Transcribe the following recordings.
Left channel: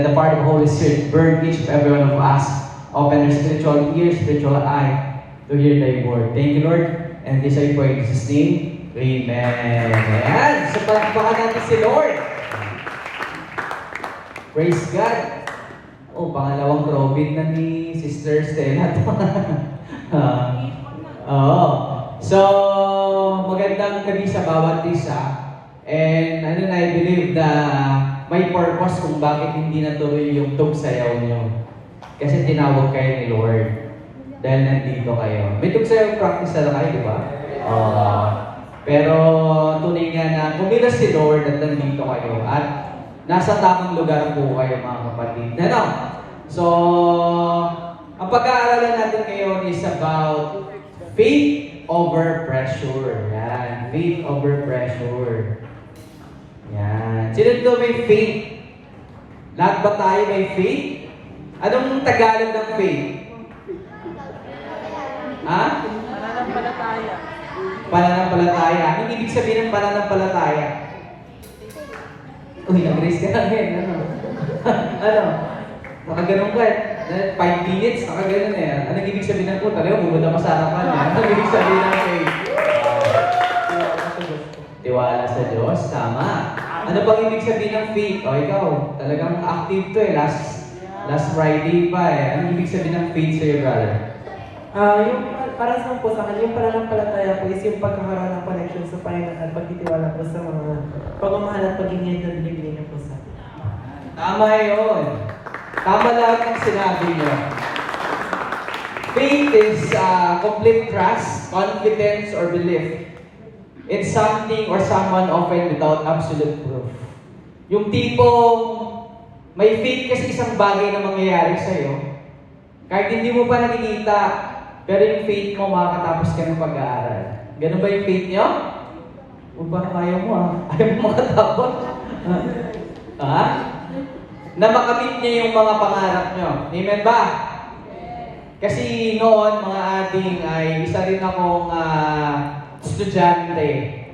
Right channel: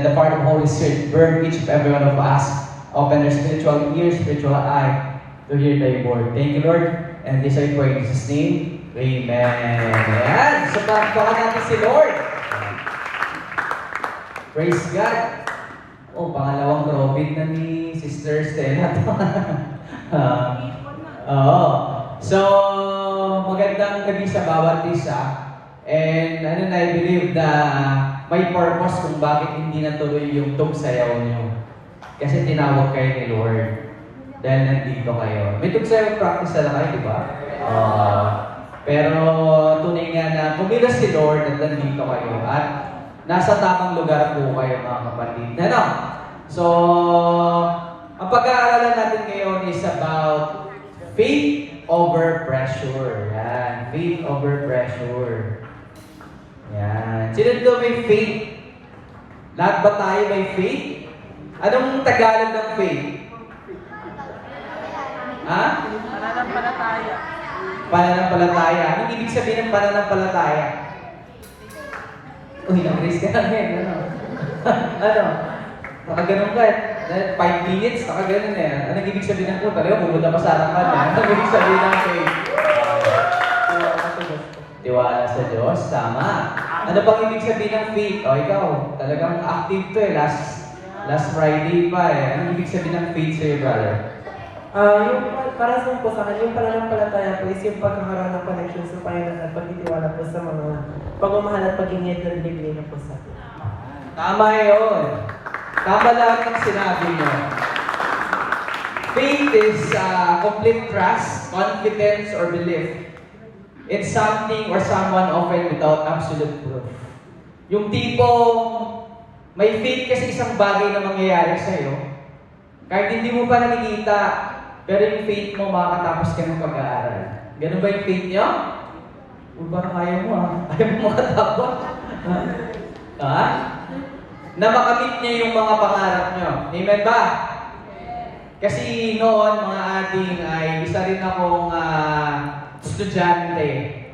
The part of the Holy Spirit burn each of every one of us. Open their spiritual ears, spiritual eye to hear Thy word. Thank you, Lord. And this I pray in Jesus' name. Amen. Ayan. So, palakpakan natin si Lord. Praise God. Oh, pangalawang COVID na ni Sister Stella. Oo. So, magandang gabi sa bawat isa. And I believe na may purpose kung bakit hindi natuloy yung tugsayaw nyo. Kasi tinawag kayo ni Lord. Dahil nandito kayo. May tugsayaw practice na kayo, di ba? Pero tunay nga na kumilos si Lord at nandito kayo. At nasa tamang lugar po kayo, mga kapatid. Ano? So, ang pag-aaralan natin ngayon is about faith over pressure. Yan. Faith over pressure. Yan. Sino dito may faith? Lahat ba tayo may faith? Anong Tagalog ng faith? Ha? Pananampalataya. Pananampalataya. Anong ibig sabihin ng pananampalataya? Uy, nag-raise ka lang yan. Ano? Ano? Nakaganon ka. 5 minutes, nakaganon na yan. Anong ibig sabihin ng ko? Talaga, pumunta pa sa harapan na. Anong ibig sabihin ng faith? Tiwala sa Diyos. Tiwala sa Diyos. Tama. Ano pang ibig sabihin ng faith? O, ikaw, talagang active to eh. Last Friday pa eh. Anong ibig sabihin ng faith sa'yo, brother? Yung para sa po sa akin, yung pananampalataya po is yung pagkakaroon ng connection sa Panginoon at pagtitiwala po sa mga pagmamahal at pag-ingit na binibigay niya po sa atin. Tama yun. Tama lahat ng sinabi nyo. Faith is complete trust, confidence, or belief in something or someone often without absolute proof. Yung tipong may faith kasi isang bagay na mangyayari sa'yo, kahit hindi mo pa nakikita, pero yung faith mo makakatapos ka ng pag-aaral. Ganun ba yung faith nyo? Uy, parang ayaw mo Ayaw mo makatapos. Ha? Na makamit niyo yung mga pangarap nyo. Amen ba? Kasi noon, mga ating ay isa rin akong estudyante.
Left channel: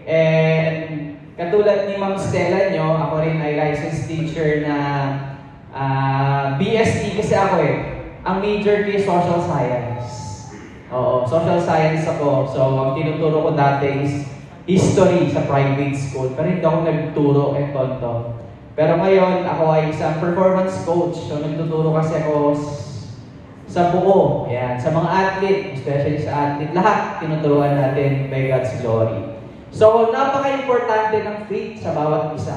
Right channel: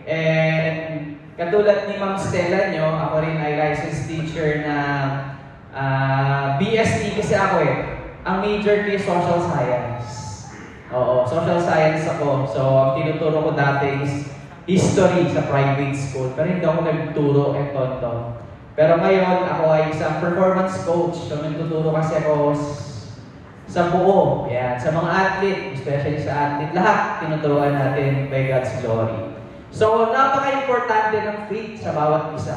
And katulad ni Ma'am Stella nyo, ako rin ay licensed teacher na BSc kasi ako eh. Ang major ko is social science. Oo, social science ako. So, ang tinuturo ko dati is history sa private school. Pero hindi ako nagturo, tonto. Pero ngayon, ako ay isang performance coach. So, nagtuturo kasi ako sa buo. Yan, sa mga athlete, especially sa athlete. Lahat tinuturuan natin by God's glory. So, napaka-importante ng faith sa bawat isa.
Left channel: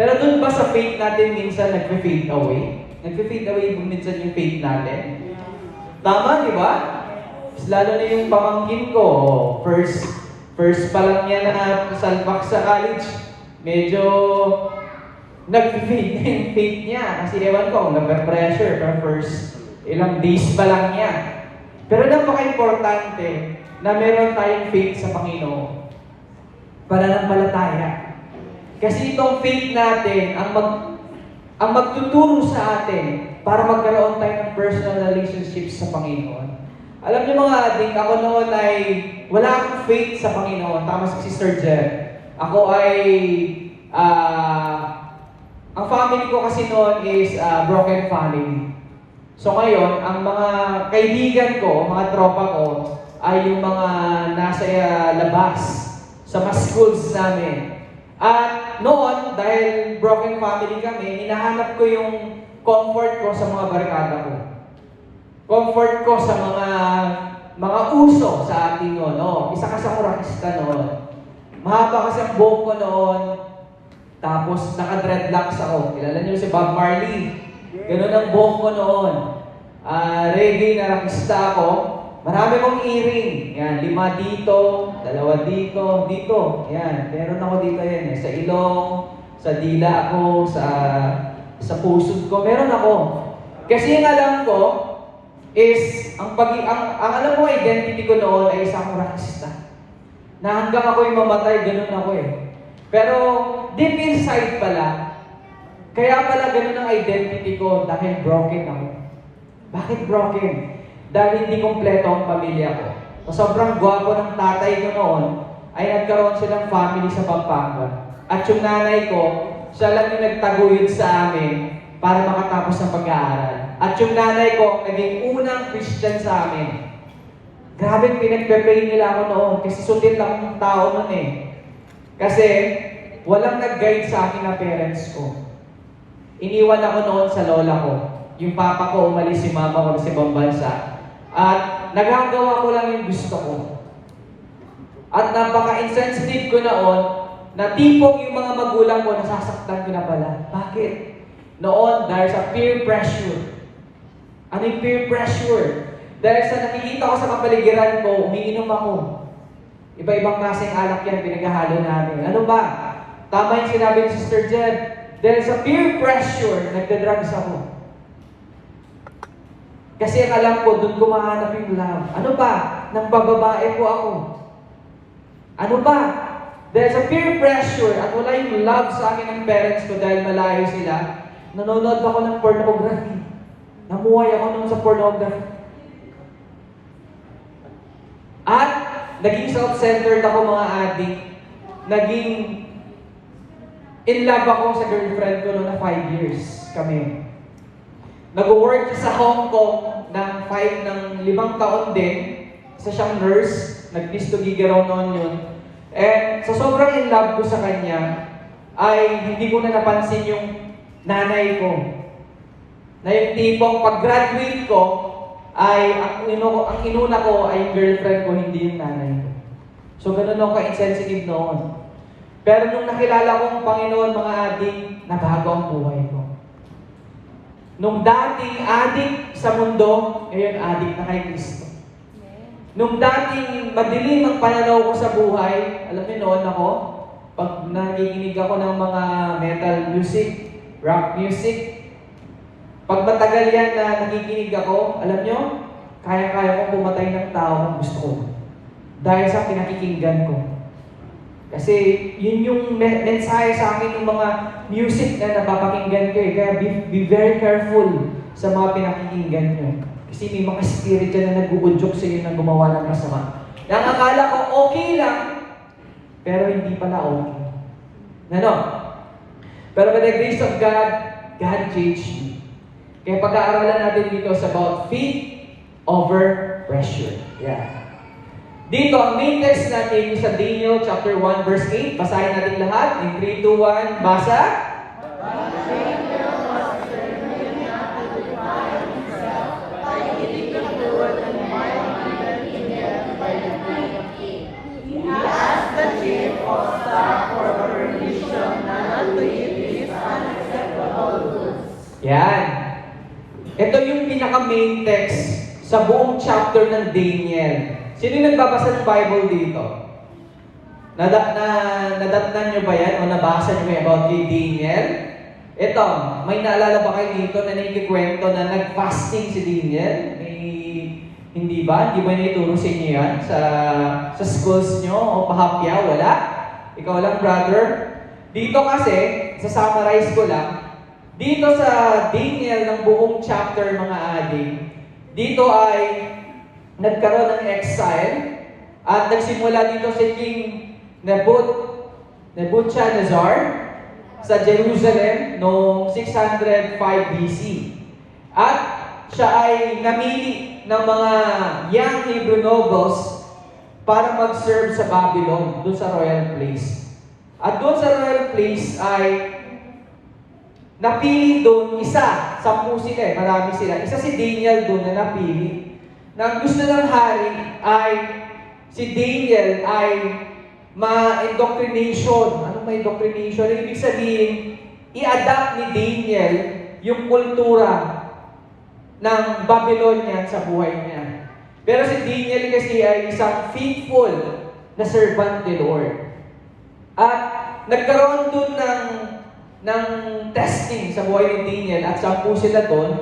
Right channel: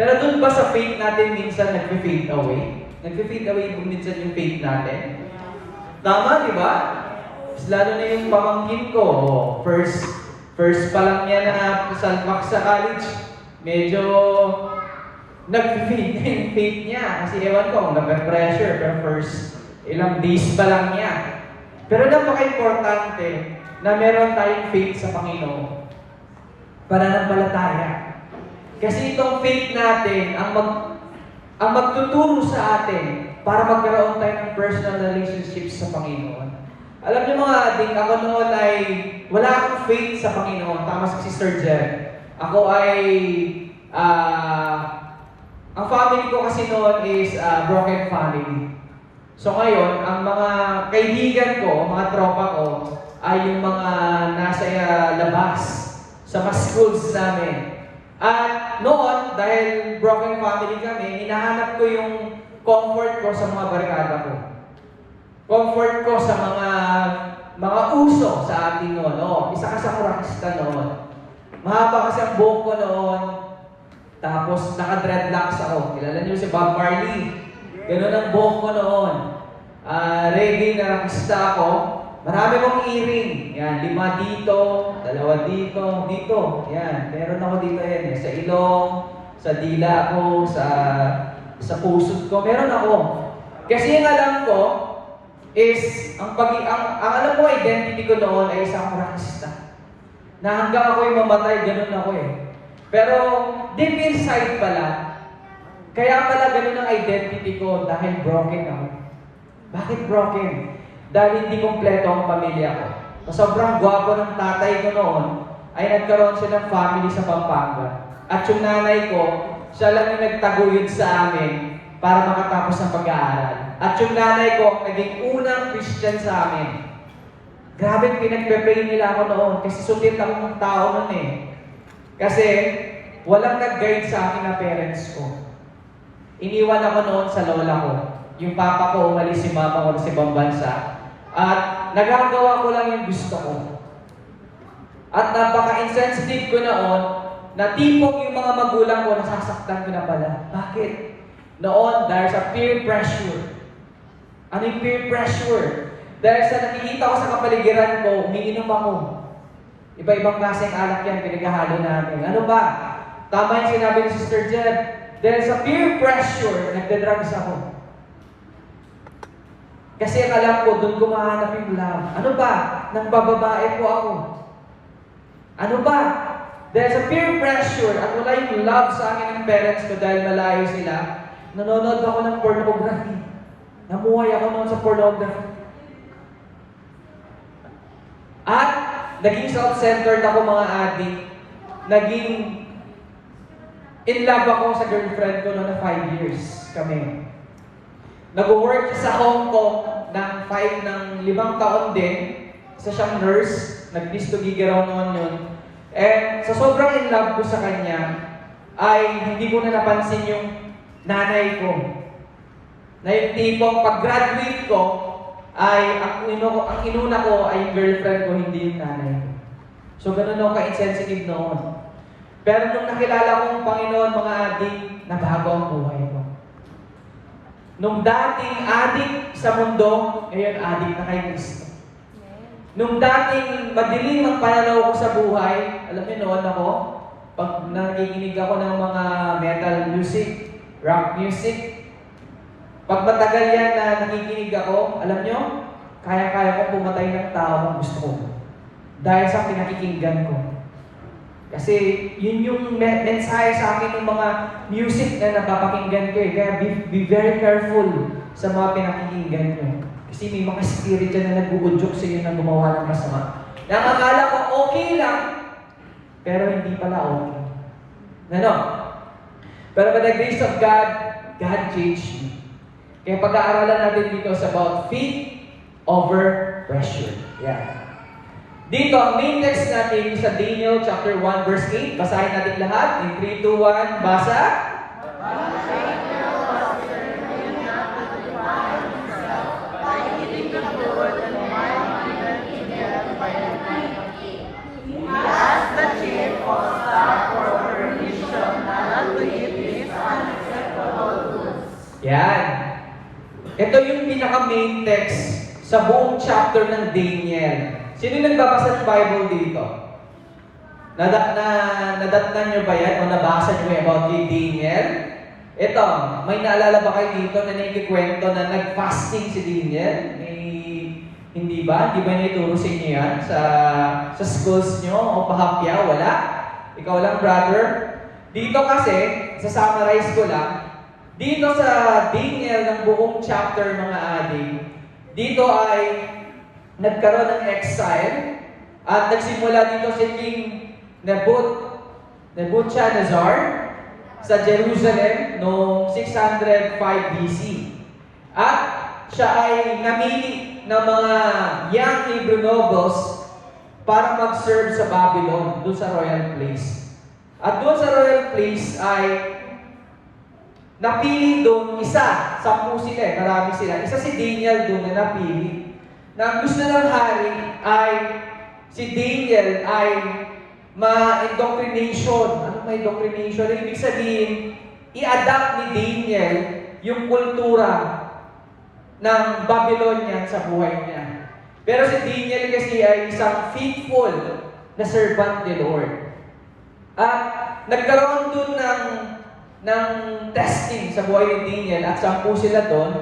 Pero dun ba sa faith natin minsan nag-fade away? Nag-fade away minsan yung faith natin? Tama, di ba? Lalo na yung pamangkin ko, first pa lang niya na salpak sa college, medyo nag-fade na yung faith niya. Kasi ewan ko, nag-pressure, pero first ilang days pa lang niya. Pero napaka-importante na meron tayong faith sa Panginoon. Pananampalataya. Kasi itong faith natin, ang magtuturo sa atin para magkaroon tayo ng personal relationships sa Panginoon. Alam niyo mga ading, ako noon ay wala akong faith sa Panginoon. Tama si Sister Jen. Ako ay, ang family ko kasi noon is broken family. So ngayon, ang mga kaibigan ko, mga tropa ko, ay yung mga nasa labas, sa mga schools namin. At noon, dahil broken family kami, hinahanap ko yung comfort ko sa mga barkada ko. Comfort ko sa mga uso sa atin noon. Isa ka sa rockista noon. Mahaba kasi ang buhok ko noon. Tapos naka-dreadlocks ako. Kilala niyo si Bob Marley. Ganun ang buhok ko noon. Reggae na rockista ako. Marami kong earring. Yan, 5 dito, 2 dito, dito. Yan, meron ako dito yan. Sa ilong, sa dila ako, sa pusod ko. Meron ako. Kasi yung alam ko is, ang alam ko, identity ko noon ay isang rockista. Na hanggang ako yung mamatay, ganun ako eh. Pero, deep inside pala, kaya pala ganun ang identity ko dahil broken ako. Bakit broken? Dahil hindi kompleto ang pamilya ko. Sobrang gwapo ng tatay ko noon, ay nagkaroon siya ng family sa Pampanga. At yung nanay ko, siya lang yung nagtaguyod sa amin para makatapos ng pag-aaral. At yung nanay ko, naging unang Christian sa amin. Grabe, pinagpe-pray nila ako noon kasi sulit akong tao noon eh. Kasi walang nag-guide sa akin na parents ko. Iniwan ako noon sa lola ko. Yung papa ko umalis, si mama ko sa ibang bansa. At nagagawa ko lang yung gusto ko. At napaka-insensitive ko noon na tipong yung mga magulang ko nasasaktan ko na pala. Bakit? Noon, dahil sa peer pressure. Ano yung peer pressure? Dahil sa nakikita ko sa kapaligiran ko, umiinom ako. Iba-ibang klaseng alak yan, pinaghahalo namin. Ano ba? Tama yung sinabi ni Sister Jeb. Dahil sa peer pressure, nagda-drugs ako. Kasi ang alam ko, doon ko mahanap yung love. Ano ba? Nang bababae po ako. Ano ba? Dahil sa peer pressure at wala yung love sa akin ng parents ko dahil malayo sila, nanonood ako ng pornography. Namuhay ako noon sa pornography. At naging self-centered ako mga adik. Naging in love ako sa girlfriend ko noon na 5 years kami. Nag-work sa Hong Kong ng 5 taon din. Isa siyang nurse. Nag-pisto gigaraw noon yun. And sa sobrang in love ko sa kanya, ay hindi ko na napansin yung nanay ko. Na yung tipong pag-graduate ko, ay ang inuna ko ay yung girlfriend ko, hindi yung nanay ko. So ganun ako ka-insensitive noon. Pero nung nakilala kong Panginoon, mga adik, nabago ang buhay ko. Nung dating adik sa mundo, ngayon adik na kay Kristo. Nung dating madilim ang pananaw ko sa buhay, alam niyo noon ako, pag nakikinig ako ng mga metal music, rock music, pag matagal yan na nakikinig ako, alam niyo, kaya-kaya ko pumatay ng tao kung gusto ko. Dahil sa pinakikinggan ko. Kasi yun yung mensahe sa akin ng mga music na napapakinggan ko eh. Kaya be very careful sa mga pinakikinggan nyo. Kasi may mga spirit dyan na nag-uudyok sa iyo na gumawa ng masama. Nang akala ko okay lang, pero hindi pala okay. Ano? Pero by the grace of God, God changed me. Kaya pag-aaralan natin dito is about faith over pressure. Yeah. Dito, ang main text natin sa Daniel chapter 1 verse 8. Basahin natin lahat. In 3, 2, 1, basa. Yan. Ito yung pinaka-main text sa buong chapter ng Daniel. Sino yung nagbabasa ng Bible dito? Nadatnan nyo ba yan? O nabasa nyo ba about kay Daniel? Ito, may naalala ba kayo dito na nakikikwento na nag-fasting si Daniel? Hindi ba? Hindi ba naituro sa inyo yan? Sa schools nyo? O pahapya? Wala? Ikaw lang, brother? Dito kasi, sa-summarize ko lang, dito sa Daniel ng buong chapter, mga adik, dito ay nagkaroon ng exile at nagsimula dito si King Nebuchadnezzar sa Jerusalem noong 605 BC. At siya ay namili ng mga young Hebrew nobles para mag-serve sa Babylon, doon sa royal place. At doon sa royal place ay napili doon isa, 10 sila marami sila. Isa si Daniel doon na napili. Na ang gusto ng hari ay si Daniel ay ma-indoctrination. Ano may indoctrination? Ibig sabihin, i-adapt ni Daniel yung kultura ng Babylonian sa buhay niya. Pero si Daniel kasi ay isang faithful na servant ni Lord. At nagkaroon doon ng testing sa buhay ni Daniel at 10 sila doon.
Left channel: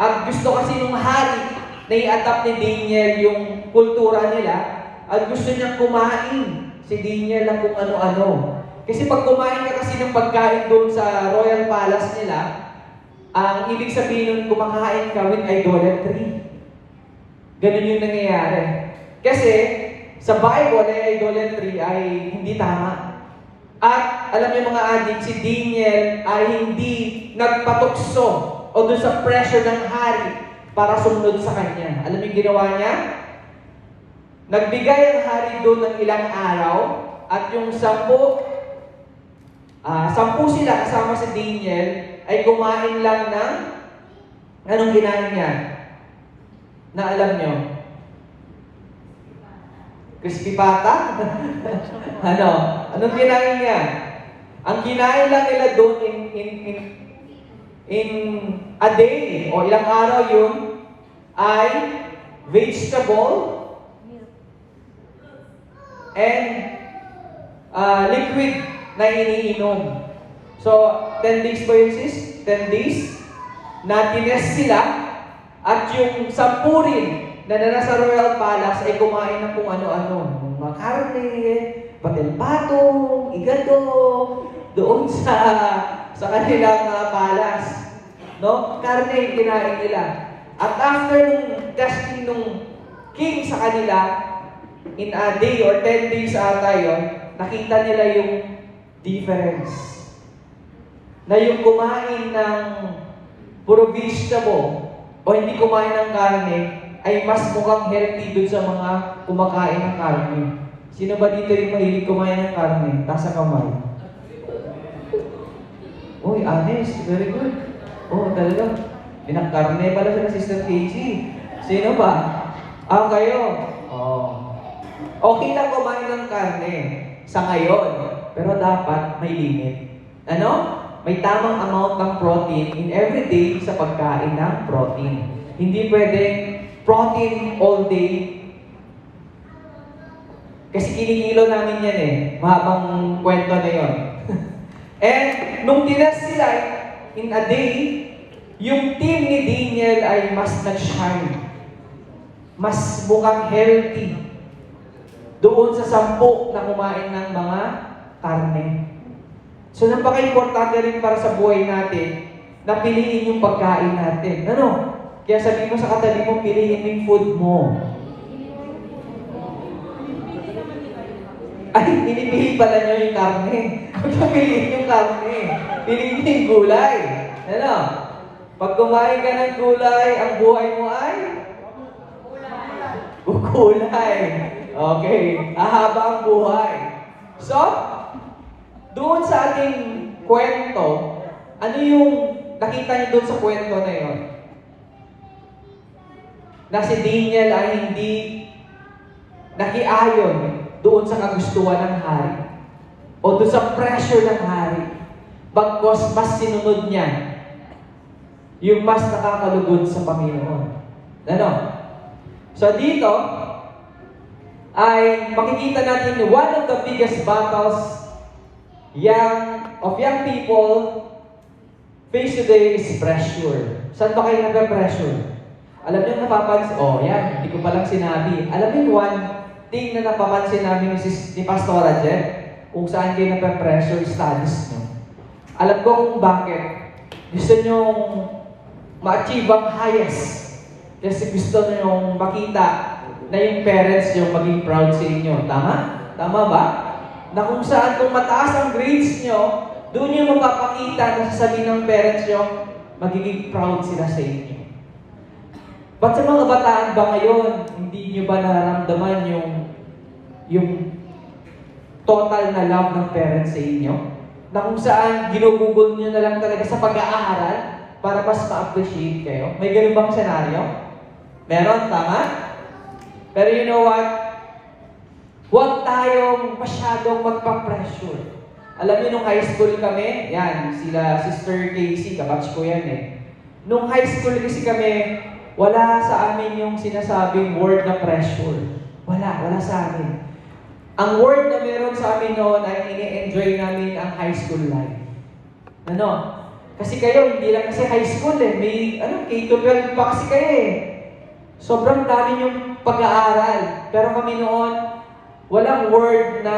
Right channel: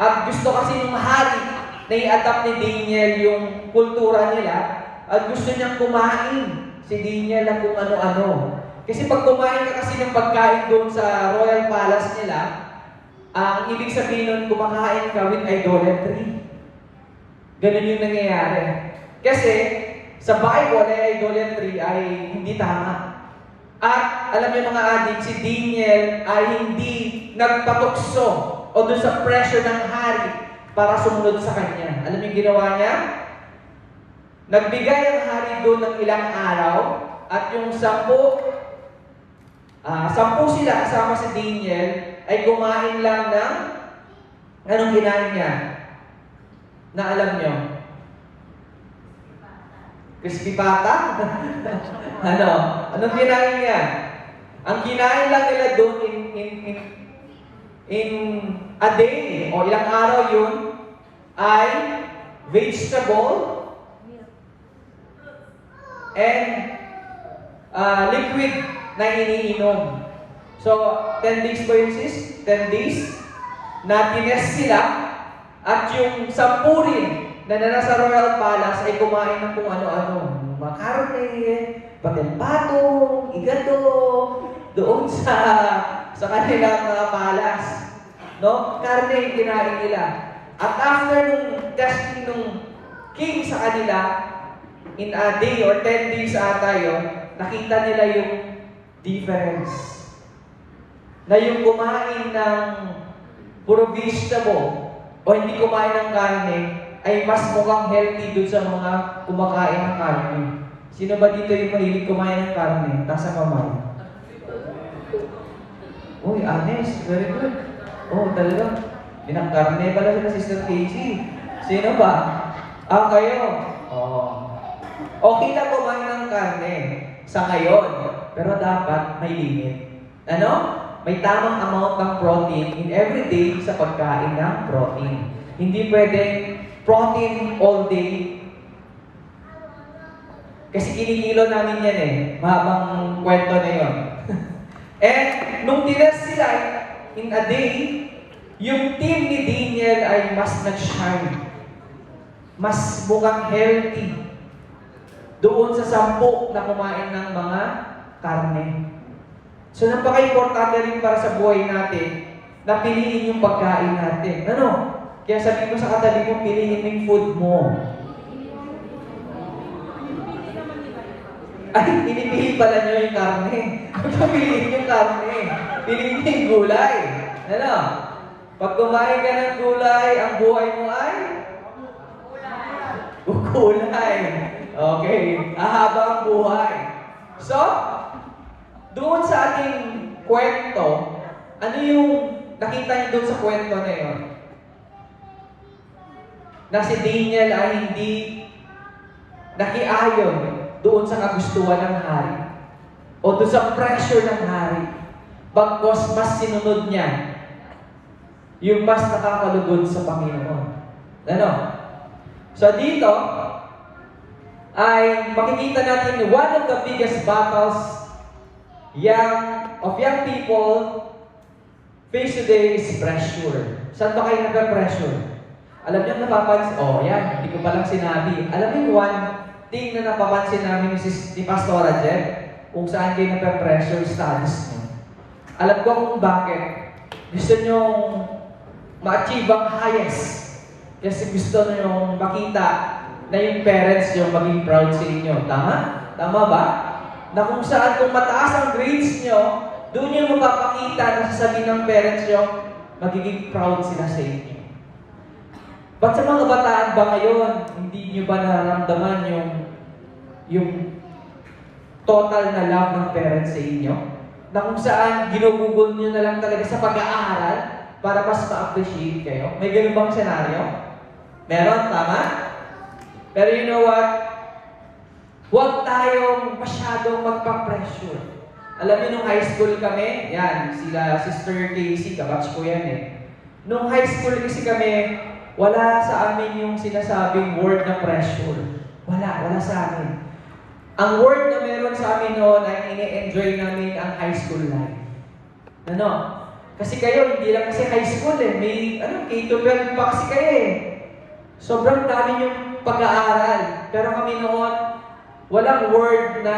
At gusto kasi ng hari na i-adapt ni Daniel yung kultura nila at gusto niyang kumain si Daniel ng kung ano-ano. Kasi pag kumain ka kasi ng pagkain doon sa royal palace nila, ang ibig sabihin nun, kumakain ka with idolatry. Ganun yung nangyayari. Kasi sa Bible ay idolatry ay hindi tama. At alam niyo mga adik, si Daniel ay hindi nagpatukso o dun sa pressure ng hari para sumunod sa kanya. Alam niyo yung ginawa niya? Nagbigay ang hari doon ng ilang araw at yung 10 sila kasama si Daniel ay kumain lang ng anong kinain niya? Na alam niyo? Crispy pata? Ano? Anong kinain niya? Ang kinain lang nila doon in a day o ilang araw yun ay vegetable and liquid na iniinom. So, 10 days ba yun, sis? 10 days na tinest sila at yung 10 rin na nasa Royal Palace ay kumain ng kung ano-ano. Mga karne, patempatong, igado, doon sa kanilang palace. No? Karne yung kinain nila. At after nung testing nung king sa kanila, in a day or 10 days ata yun, nakita nila yung difference. Na yung kumain ng puro vegetable o hindi kumain ng karne ay mas mukhang healthy dun sa mga kumakain ng karne. Sino ba dito yung mahilig kumain ng karne? Taas ang kamay. Uy, honest. Very good. Oh, talaga. Karne pala sila, Sister Casey. Sino ba? Kayo. Oh. Okay lang kumain ng karne sa ngayon, pero dapat may limit. Ano? May tamang amount ng protein in every day sa pagkain ng protein. Hindi pwedeng protein all day. Kasi kinikilo namin yan mahabang kwento na yon. And nung tinas sila in a day, yung team ni Daniel ay mas nag-shine. Mas mukhang healthy doon sa 10 na kumain ng mga karne. So, napaka-importante rin para sa buhay natin na piliin yung pagkain natin. Ano? Kaya sabi mo sa katabi mo, piliin mo yung food mo. Ay, pinipili pala nyo yung karne. Piliin yung karne. Piliin yung gulay. Ano? Pag kumain ka ng gulay, ang buhay mo ay? Gulay. Okay. Ahaba ang buhay. So, doon sa ating kwento, ano yung nakita niyo doon sa kwento na yun? Na si Daniel ay hindi nakiayon doon sa kagustuhan ng hari o doon sa pressure ng hari. Bagkos mas sinunod niya yung mas nakakalugod sa Panginoon. Ano? So dito ay makikita natin one of the biggest battles young people face today is pressure. Saan ba kayo nagpe-pressure? Alam niyo, napapansin, yan, hindi ko palang sinabi. Alam niyo, one thing na napapansin namin ni Pastora Jen, kung saan kayo nagpe-pressure studies niyo. Alam ko kung bakit. Gusto niyong ma-achieve ang highest. Kasi gusto niyong makita na yung parents niyo maging proud sa inyo. Tama? Tama ba? Na kung saan kung mataas ang grades nyo, doon nyo mapapakita na sasabihin ng parents nyo, magiging proud sila sa inyo. Ba't sa mga bataan ba ngayon, hindi nyo ba nararamdaman yung total na love ng parents sa inyo? Na kung saan ginugugol nyo na lang talaga sa pag-aaral para mas ma-appreciate kayo? May ganun bang senaryo? Meron, tama? Pero you know what? Huwag tayong masyadong magpa-pressure. Alam niyo, nung high school kami, yan, sila Sister Casey, kabatch ko yan Nung high school kasi kami, wala sa amin yung sinasabing word na pressure. Wala sa amin. Ang word na meron sa amin noon ay ini-enjoy namin ang high school life. Ano? Kasi kayo, hindi lang kasi high school May, K-12 pa kasi kayo Sobrang dami yung pag-aaral. Pero kami noon, walang word na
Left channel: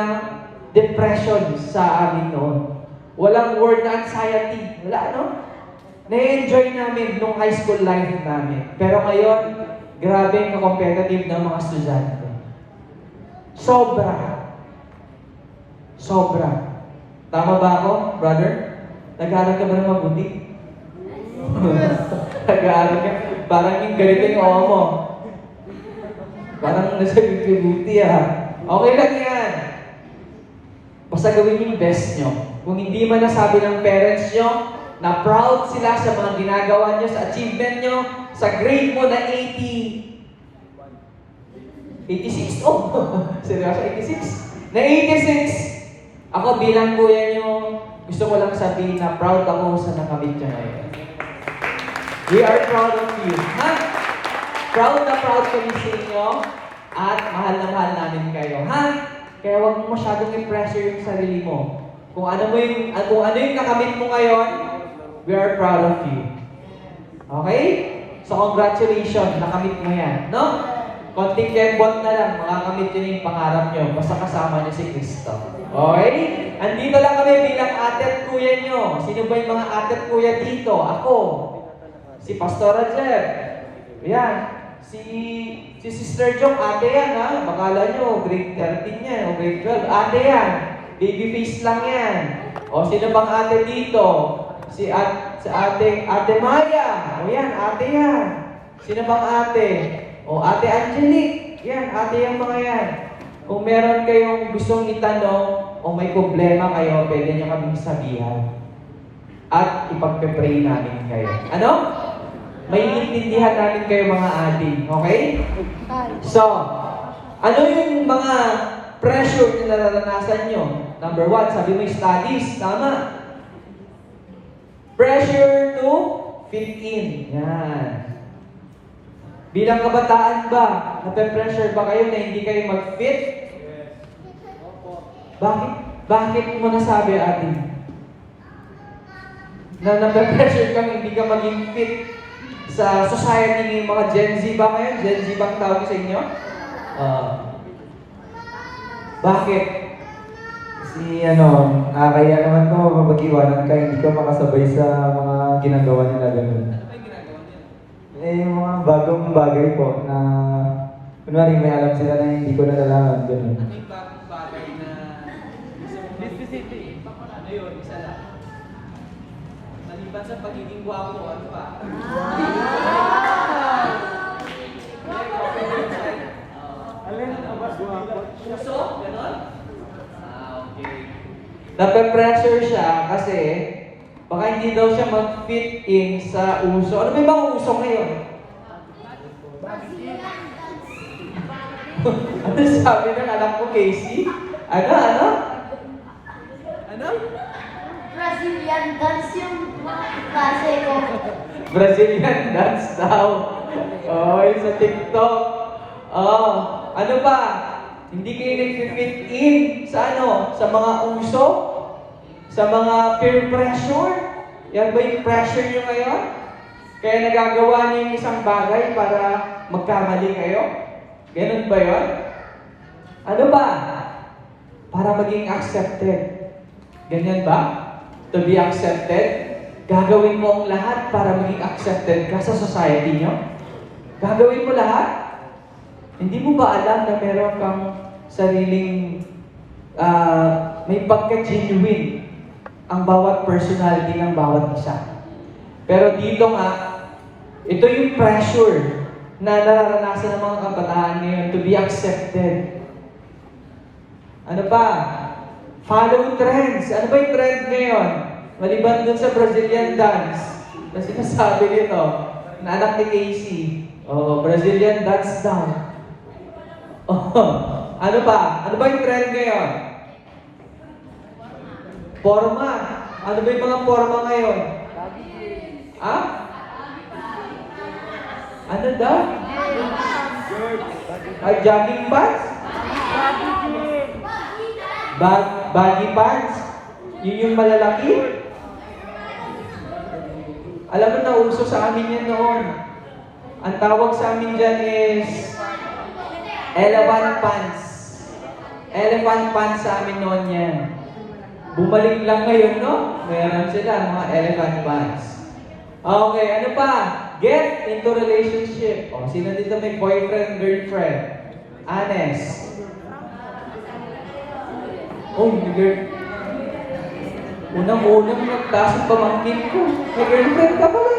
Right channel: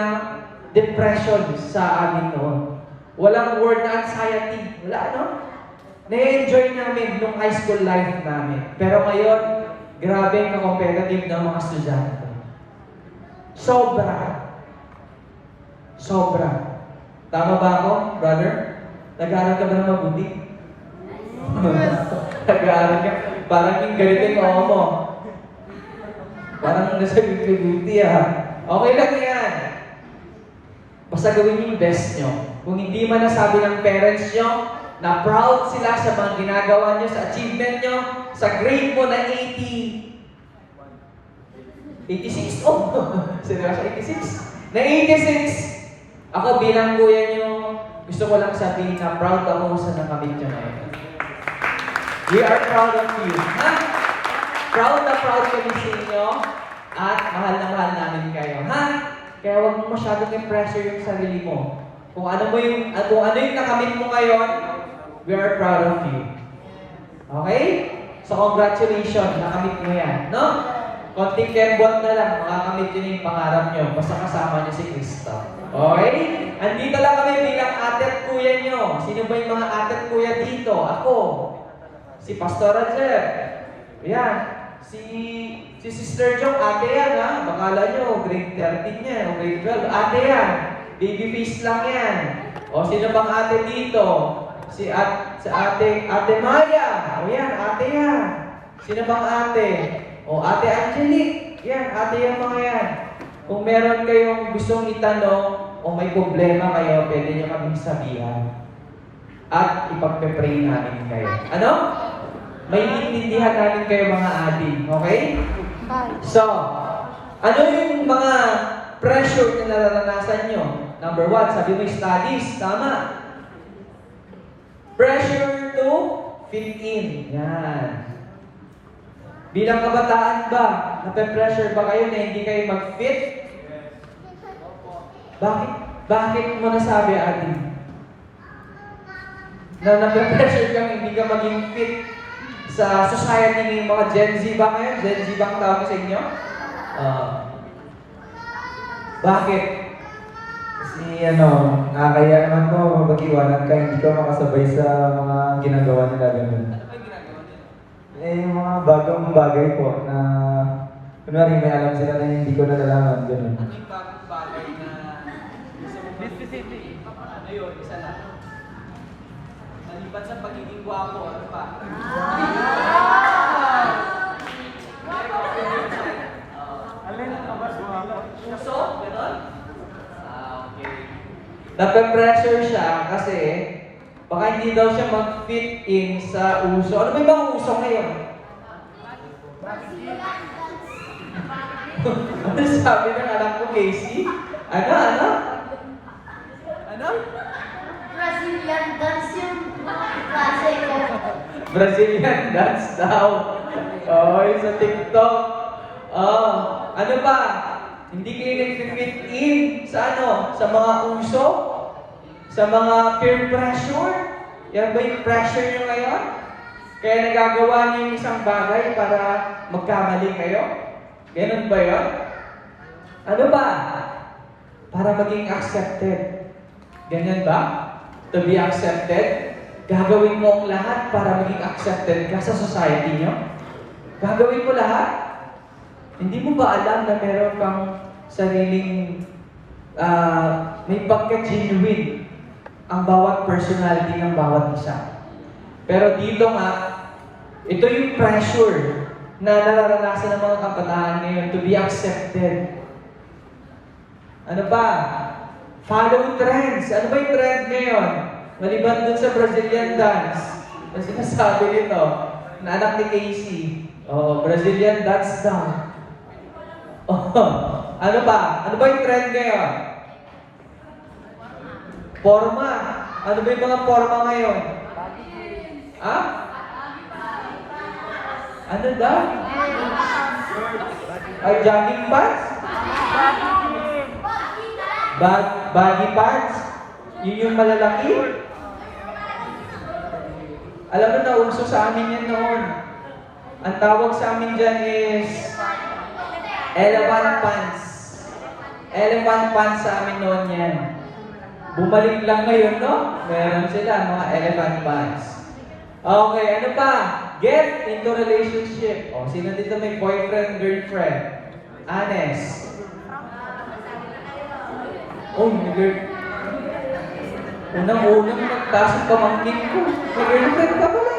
depression sa amin noon. Walang word na anxiety. Wala, Na-enjoy namin nung high school life namin. Pero ngayon, grabe ang competitive ng mga estudyante. Sobra. Tama ba ako, brother? Nag-aaral ka ba ng mabuti? Nag-aaral ka? Parang yung ganito yung oo mo. Parang nasa buti Okay lang yan. Basta gawin yung best nyo. Kung hindi man nasabi ng parents nyo, na proud sila sa mga ginagawa nyo, sa achievement nyo, sa grade mo na 86? Oh, seryoso, 86? Na 86! Ako bilang kuya nyo, gusto ko lang sabihin na proud ako sa nakamit nyo ngayon. We are proud of you. Ha? Proud na proud kami sa inyo at mahal na mahal namin kayo. Ha? Kaya huwag mo masyadong i-pressure yung sarili mo. Kung ano yung nakamit mo ngayon, we are proud of you. Okay? So congratulations, nakamit mo yan. No? Konting kembot na lang, makakamit yun yung pangarap nyo. Basta kasama nyo si Kristo. Okay? Andito lang kami bilang ate at kuya nyo. Sino ba yung mga ate at kuya dito? Ako. Si Pastor Jeb. Ayan. Si Sister Jong, ate yan ha. Bakala nyo, grade 13 yan o grade 12. Ate yan. Baby face lang yan. O sino bang ate dito? Si ate Maya. O yan, ate yan. Sino bang ate? O ate Angelique. Yan, ate yan mga yan. Kung meron kayong gustong itanong o may problema kayo, pwede nyo kaming sabihan. At ipagpe-pray namin kayo. Ano? May intindihan namin kayo mga ating. Okay? So, ano yung mga pressure na nararanasan nyo? Number 1, sabi mo studies. Tama. Pressure to fit in. Yan. Bilang kabataan ba, nape-pressure ba kayo na hindi kayo mag-fit? Bakit? Bakit mo nasabi, ate? Na nape-pressure kang hindi ka maging fit sa society ng mga Gen Z ba ngayon? Gen Z bang tawag sa inyo? Bakit? Kasi nakakaya naman ko mag-iwanan ka, hindi ka makasabay sa mga ginagawa nila ganun. Yung mga bagong bagay po na kunwari may alam sila na hindi ko nalalaman, ganun. Ano yung bagong bagay na gusto mong mag-specific? Ano yun? Isa lang. Naliban sa pagiging gwapo, ano pa? Puso? Ganon? Okay. Nape-pressure siya kasi baka hindi daw siya mag-fit in sa uso. Ano ba yung mga uso ngayon? Ano sabi ng anak ko, Casey? Ano? Brazilian dance yung mga klase ko. Brazilian dance daw. Oh, yung sa TikTok. Oh, ano ba? Hindi kayo nag-fit in sa Sa mga uso? Sa mga peer pressure? Yan ba yung pressure nyo ngayon? Kaya nagagawa niyo yung isang bagay para magkamali kayo? Ganun ba yun? Ano ba? Para maging accepted. Ganyan ba? To be accepted? Gagawin mo ang lahat para maging accepted ka sa society nyo? Gagawin mo lahat? Hindi mo ba alam na meron kang sariling may pagka-genuine ang bawat personality ng bawat isa? Pero dito nga, ito yung pressure na nararanasan ng mga kabataan ngayon to be accepted. Ano ba? Follow trends. Ano ba yung trend ngayon? Maliban dun sa Brazilian dance. Na sinasabi nito, na anak ni Casey. Oh, Brazilian dance daw. Oh, ano ba? Ano ba yung trend ngayon? Forma. Ano ba yung mga forma ngayon? Ha? Ano daw? Jogging pants? Baggy pants? Yun yung malalaki? Alam mo na, uso sa amin yan noon. Ang tawag sa amin dyan is elephant pants. Elephant pants sa amin noon yan. Bumalik lang ngayon, no? Meron sila, mga elephant pants. Okay, ano pa? Get into relationship. O, sino dito may boyfriend, girlfriend? Honest. Oh, Unang-unang nagtasong pamangkin ko. May girlfriend ka pala.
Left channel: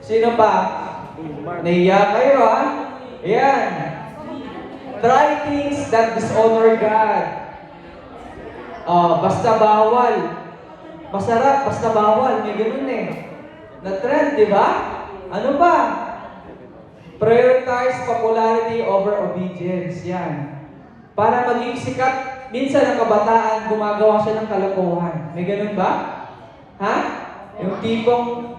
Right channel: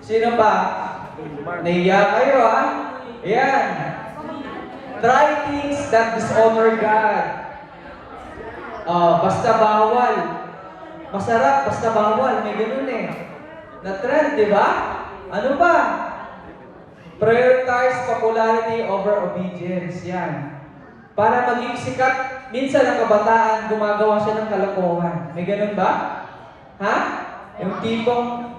Sino pa? Nahiya kayo ha? Ayan. Try things that dishonor God. Basta bawal. Masarap, basta bawal. May ganun eh. Na-trend, di ba? Ano pa? Prioritize popularity over obedience. Yan. Para maging sikat, minsan ang kabataan, gumagawa siya ng kalokohan. May ganun ba? Ha? Yung tipong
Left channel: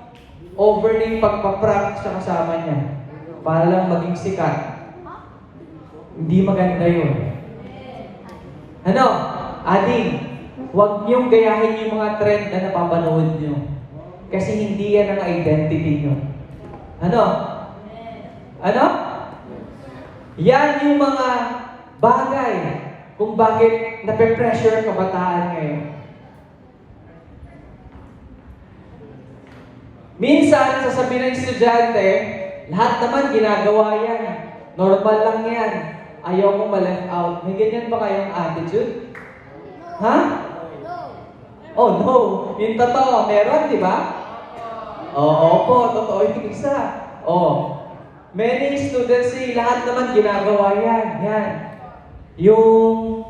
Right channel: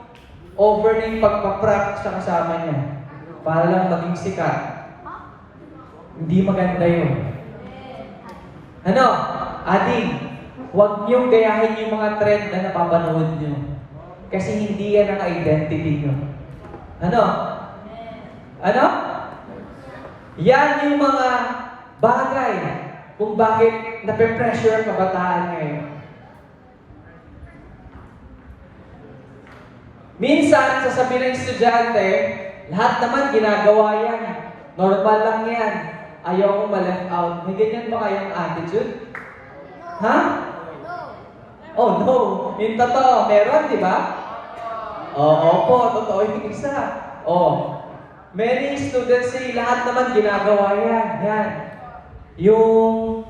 over na yung pagpaprank sa kasama niya. Para lang maging sikat. Hindi maganda yun. Ano? Ading, huwag niyong gayahin yung mga trend na napapanood niyo. Kasi hindi yan ang identity niyo. Ano? Ano? Yan yung mga bagay kung bakit nape-pressure ang kabataan ngayon. Minsan, sasabihin ng estudyante, lahat naman ginagawa yan. Normal lang yan. Ayaw kong ma-left out. May ganyan ba kayong attitude? Ha? Oh no. Yung totoo, meron, di ba? Opo, totoo yung isa. Many students say, lahat naman ginagawa yan. Yan. Yung,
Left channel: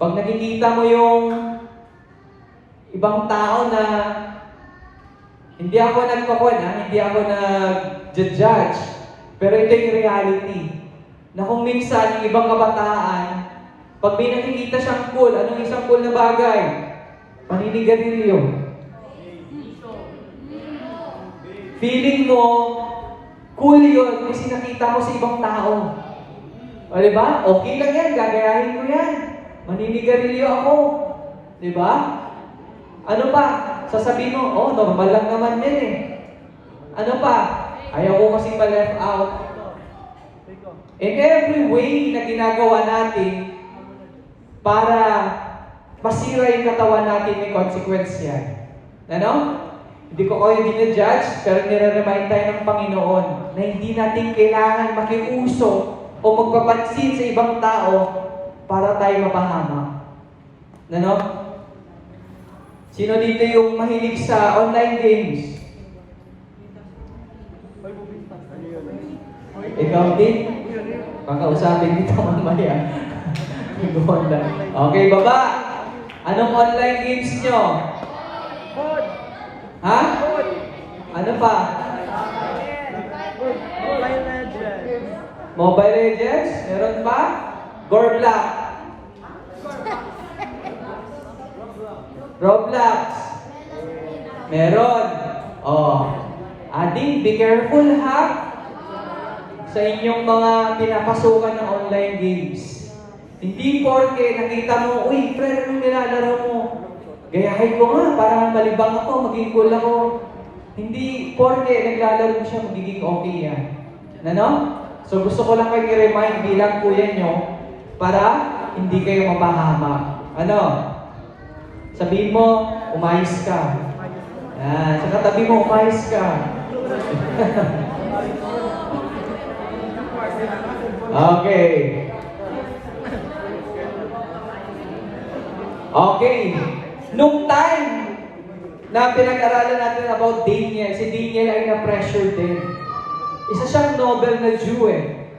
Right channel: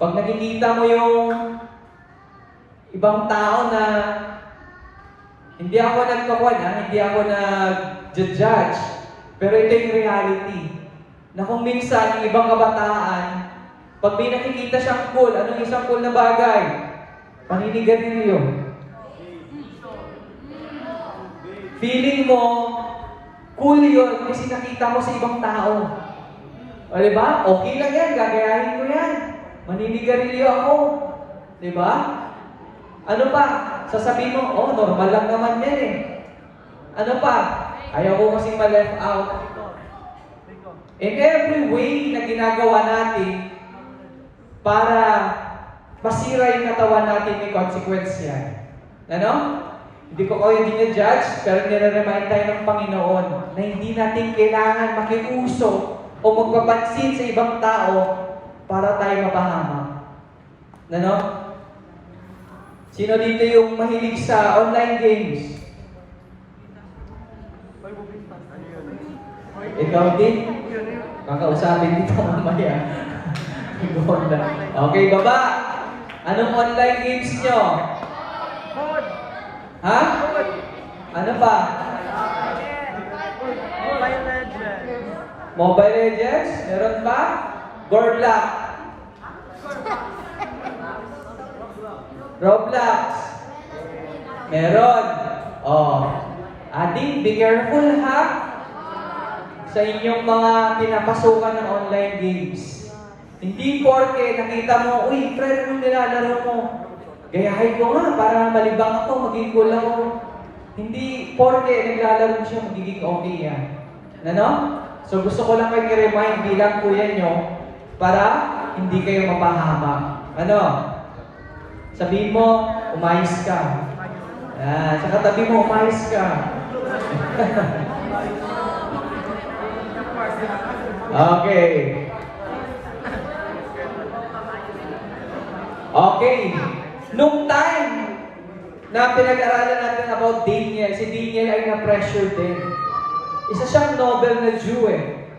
pag nakikita mo yung ibang tao na hindi ako hindi ako nag-judge, pero ito yung reality. Na kung minsan, yung ibang kabataan, pag may nakikita siyang cool, anong isang cool na bagay? Paninigarilyo. Feeling mo, cool yun kasi nakita mo sa ibang tao. O diba? Okay lang yan, gagayahin ko yan. Maninigarilyo ako. Diba? Ano pa? Sasabihin mo, normal lang naman yan eh. Ano pa? Ayaw ko kasing ma-left out. In every way na ginagawa natin para masira yung katawan natin, may consequence yan. Ano? Hindi ko kayo dinajudge, pero nire-remind tayo ng Panginoon na hindi natin kailangan makiuso o magpapansin sa ibang tao para tayo mapahama. Ano? Sino dito yung mahilig sa online games? Ikaw din? Kakausapin dito mamaya. Okay, baba. Anong online games nyo? Ha? Ano pa? Mobile Legends? Meron pa? Gorblock? Roblox? Meron. Ading, be careful ha? Sa inyong mga pinapasukan ng online games. Hindi porke nakita mo, uy, friend, anong nilalaro mo? Gayahin ko nga, para malibang ako, maging cool ako. Hindi porke naglalaro siya, magiging okay yan. Ano? So gusto ko lang kayo i-remind bilang kuya nyo para hindi kayo mapahama. Ano? Sabihin mo, umayos ka. Sa katabi mo, umayos ka. Okay. Okay. Nung time na pinag-aralan natin about Daniel, si Daniel ay na-pressure din. Isa siyang Nobel na Jew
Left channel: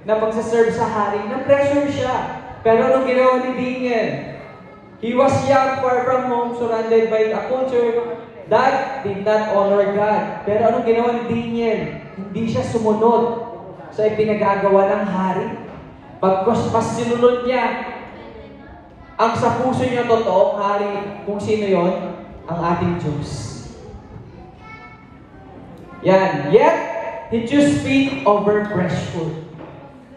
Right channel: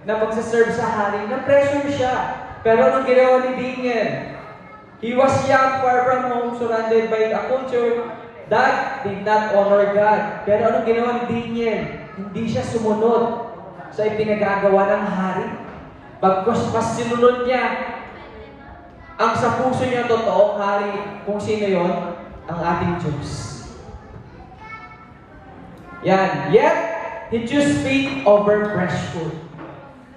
na magsaserve sa hari. Na-pressure siya. Pero anong ginawa ni Daniel? He was young, far from home, surrounded by a culture that did not honor God. Pero anong ginawa ni Daniel? Hindi siya sumunod sa ipinagagawa ng hari. Pagkas mas sinunod niya ang sa puso niya totoong hari, kung sino yon, ang ating Diyos. Yan. Yet, he chose faith over fresh food.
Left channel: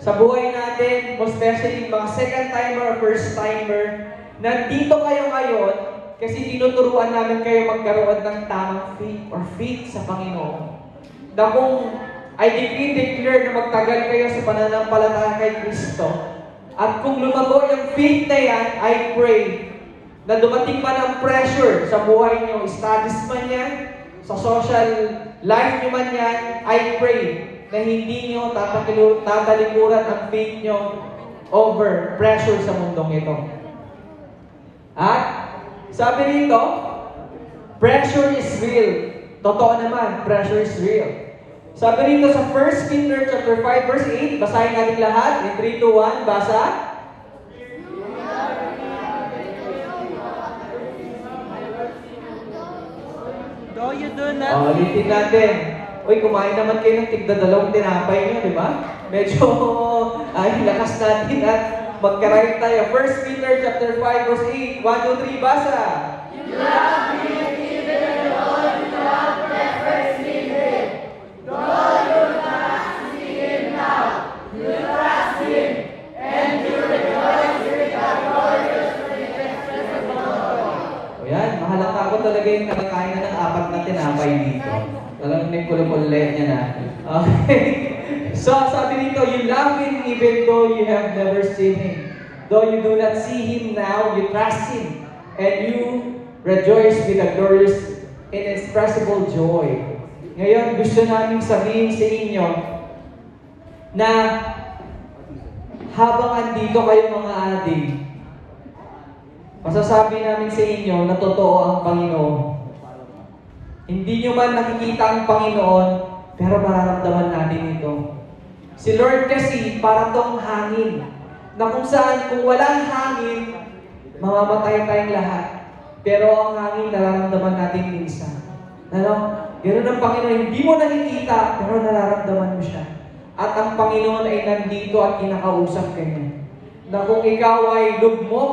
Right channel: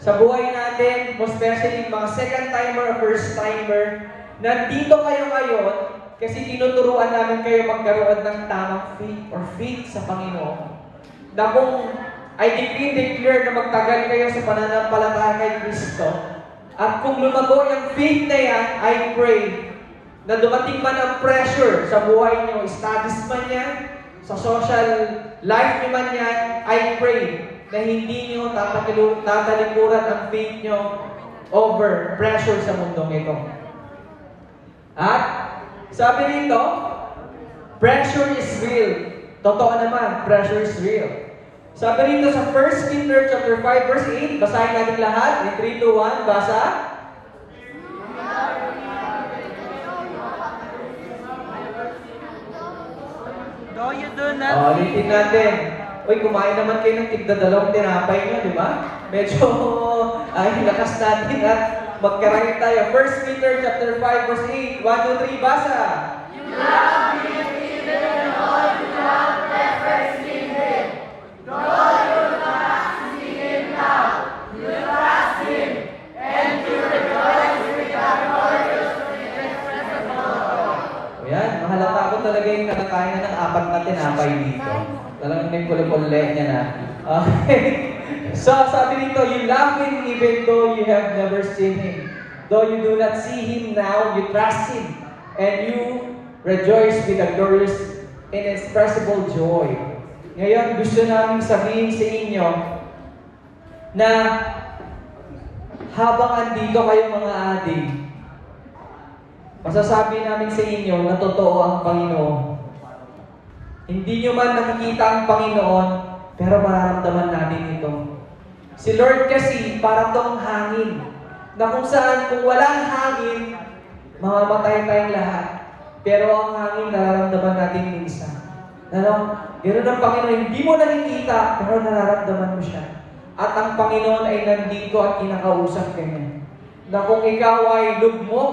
Sa buhay natin, most especially mga second-timer or first-timer, nandito kayo ngayon kasi tinuturuan namin kayo magkaroon ng tamang faith or faith sa Panginoon. Na kung I declare na magtagal kayo sa pananampalataya kay Kristo, at kung lumago yung faith na yan, I pray na dumating man ang pressure sa buhay nyo, studies man yan, sa social life nyo man yan, I pray na hindi nyo tatalikuran ang faith nyo over pressure sa mundong ito. At Sabi rito, pressure is real. Totoo naman, pressure is real. Sabi rito sa 1 Peter chapter 5 verse 8, basahin natin lahat. In 3, 2, 1, basa. Ulitin natin. Uy, kumain naman kayo ng tigda-dalawang tinapay nyo, di ba? Medyo lakas natin at magkaroon tayo. 1 Peter chapter 5 verse 8, 1, 2, 3, basa. O yan, mahalata ko talaga yung nakakain na ng 4 na tinapay dito. Talagang may kulo-kulle niya na. Okay. So, sabi dito, you love Him even though you have never seen Him. Though you do not see Him now, you trust Him. And you rejoice with a glorious, inexpressible joy. Ngayon, gusto namin sabihin sa inyo na habang andito kayo mga adik, masasabi namin sa inyo na totoo ang Panginoon. Hindi nyo man nakikita ang Panginoon, pero mararamdaman natin ito. Si Lord kasi para tong hangin, na kung saan kung walang hangin, mamamatay tayong lahat. Pero ang hangin nararamdaman natin minsan. Ano? Ganoon ang Panginoon, hindi mo nakikita, pero nararamdaman mo siya. At ang Panginoon ay nandito at kinakausap ka niya. Na kung ikaw ay lugmok,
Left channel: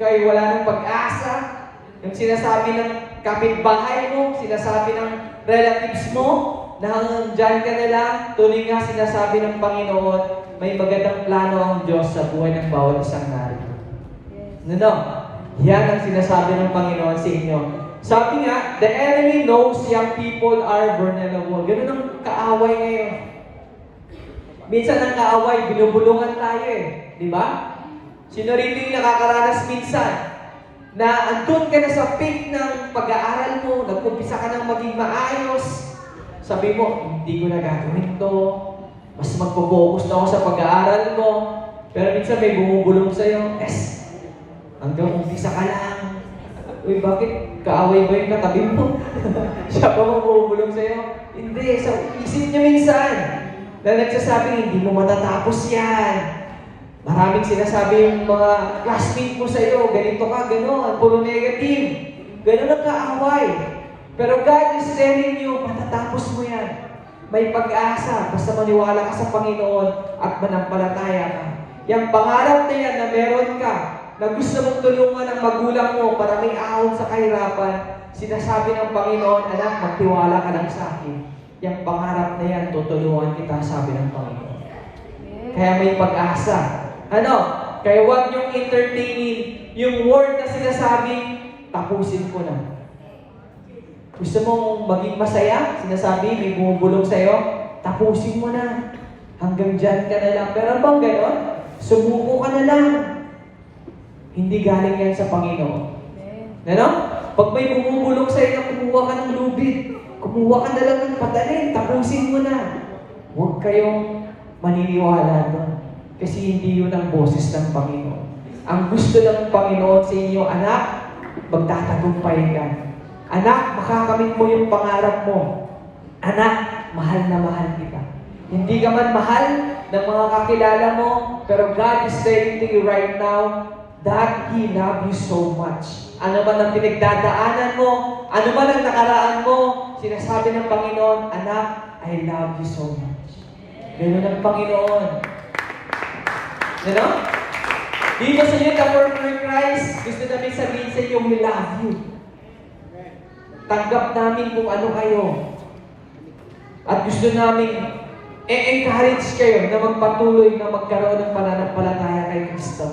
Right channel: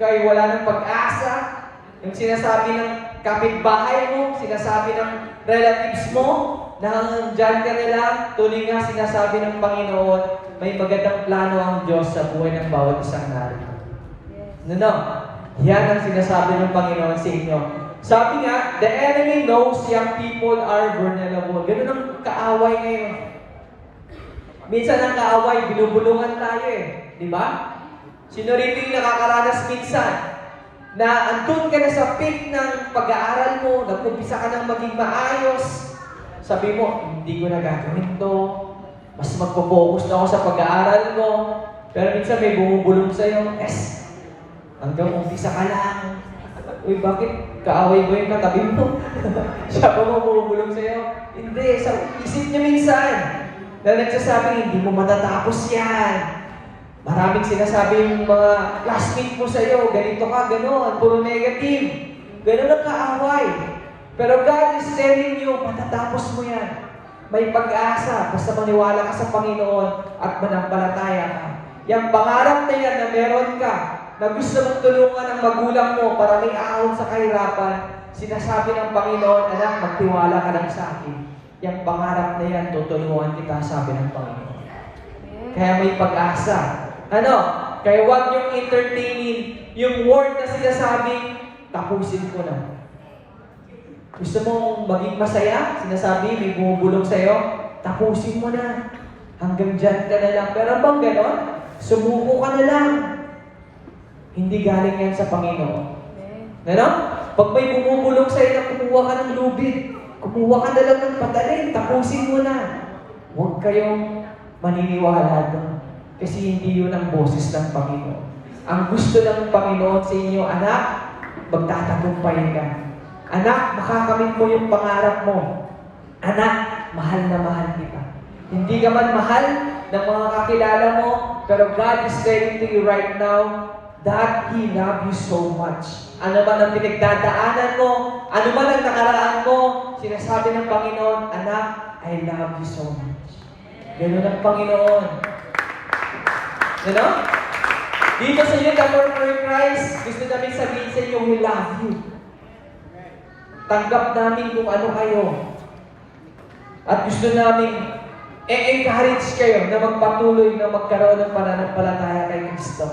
kay wala ng pag-asa, yung sinasabi ng kapitbahay mo, sinasabi ng relatives mo, na dyan ka nila, tuloy nga sinasabi ng Panginoon, may magandang plano ang Diyos sa buhay ng bawat isang narito. No? Yan ang sinasabi ng Panginoon sa inyo. Sabi nga, the enemy knows young people are vulnerable. Ganun ang kaaway ngayon. Minsan ang kaaway, binubulungan tayo eh. Di ba? Sino rito yung nakakaranas minsan na andun ka na sa peak ng pag-aaral mo, nag-umpisa ka ng maging maayos, sabi mo, hindi ko na gagawin to, mas magpo-focus na ako sa pag-aaral ko, pero minsan may bumubulong sa'yo, hanggang umpisa ka lang. Uy, bakit kaaway mo yung katabi mo? Siya ba bumubulong sa'yo? Hindi, sa isip niya minsan, na nagsasabi, hindi mo matatapos yan. Maraming sinasabi yung mga classmate mo sa'yo, ganito ka, gano'n, puro negative. Gano'n ang kaaway. Pero God is telling you, matatapos mo yan. May pag-asa, basta maniwala ka sa Panginoon at manampalataya ka. Yung pangarap na yan na meron ka, na gusto mong tulungan ng magulang mo para may ahon sa kahirapan, sinasabi ng Panginoon, anak, magtiwala ka lang sa akin. Yung pangarap na yan, tutulungan kita, sabi ng Panginoon. Kaya may pag-asa. Ano? Kaya huwag niyong entertaining yung word na sinasabi, tapusin ko na. Gusto mong maging masaya? Sinasabi, may bumubulong sa'yo, tapusin mo na. Hanggang dyan ka na lang. Pero bang ganon? Sumuko ka na lang. Hindi galing yan sa Panginoon. Ano? Pag may bumubulong sa'yo na kumuha ka ng lubid, kumuha ka na lang ng padalin, tapusin mo na. Huwag kayong maniniwala doon. Kasi hindi yun ang boses ng Panginoon. Ang gusto ng Panginoon sa inyo, anak, magtatagumpay ka. Anak, makakamit mo yung pangarap mo. Anak, mahal na mahal kita. Hindi ka man mahal ng mga kakilala mo, pero God is saying to you right now that He loves you so much. Ano man ang pinagdadaanan mo, ano man ang nakaraan mo, sinasabi ng Panginoon, anak, I love you so much. Ganun ang Panginoon. You know? Dito sa Youth for Christ, gusto namin sabihin sa inyo, we love you. Tanggap namin kung ano kayo. At gusto namin encourage kayo na magpatuloy na magkaroon ng pananampalataya kay Kristo.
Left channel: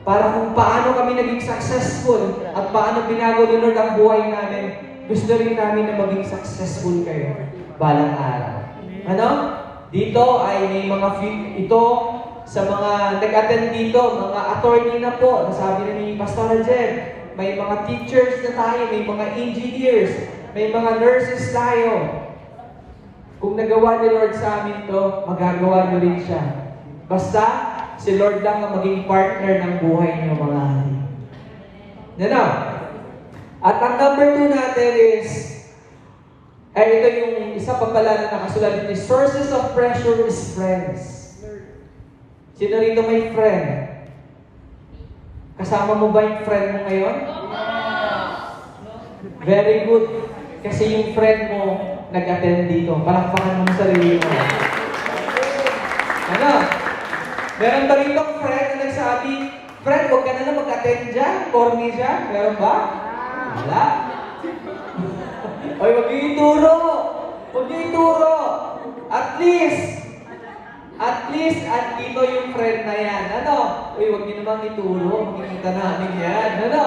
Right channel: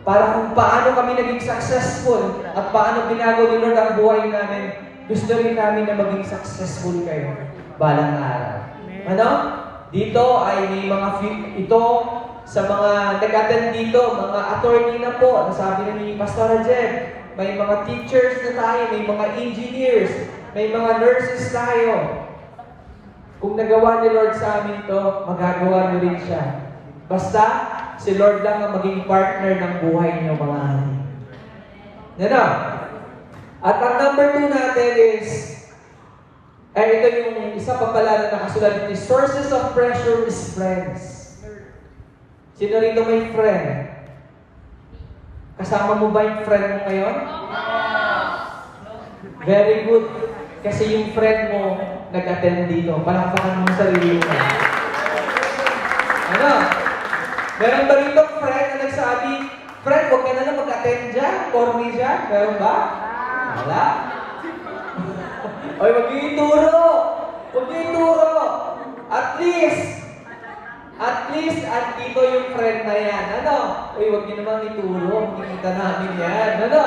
Para kung paano kami naging successful at paano binago ni Lord ang buhay namin, gusto rin namin na maging successful kayo balang araw. Ano? Dito ay may mga ito sa mga nag-attend dito, mga attorney na po, nasabi na ni Pastor Jeb, may mga teachers na tayo, may mga engineers, may mga nurses tayo. Kung nagawa ni Lord sa amin to, magagawa niyo rin siya. Basta, si Lord lang ang maging partner ng buhay niyo, mga hari. Yan na. At ang number 2 natin is, ito yung isa pa pala na nakasulat ni sources of pressure is friends. Sino rito may friend? Kasama mo ba yung friend mo ngayon? Very good. Kasi yung friend mo nag-attend dito. Palakpakan mo sa sarili mo. Ano? Meron ba rito friend na nagsabi, friend, huwag ka na lang mag-attend dyan, corny dyan. Meron ba? Wala. Oy, huwag niyo ituro. Huwag niyo ituro. At least, andito yung friend na yan. Ano? Uy, huwag niyo namang ituro. Makikita namin yan. Ano?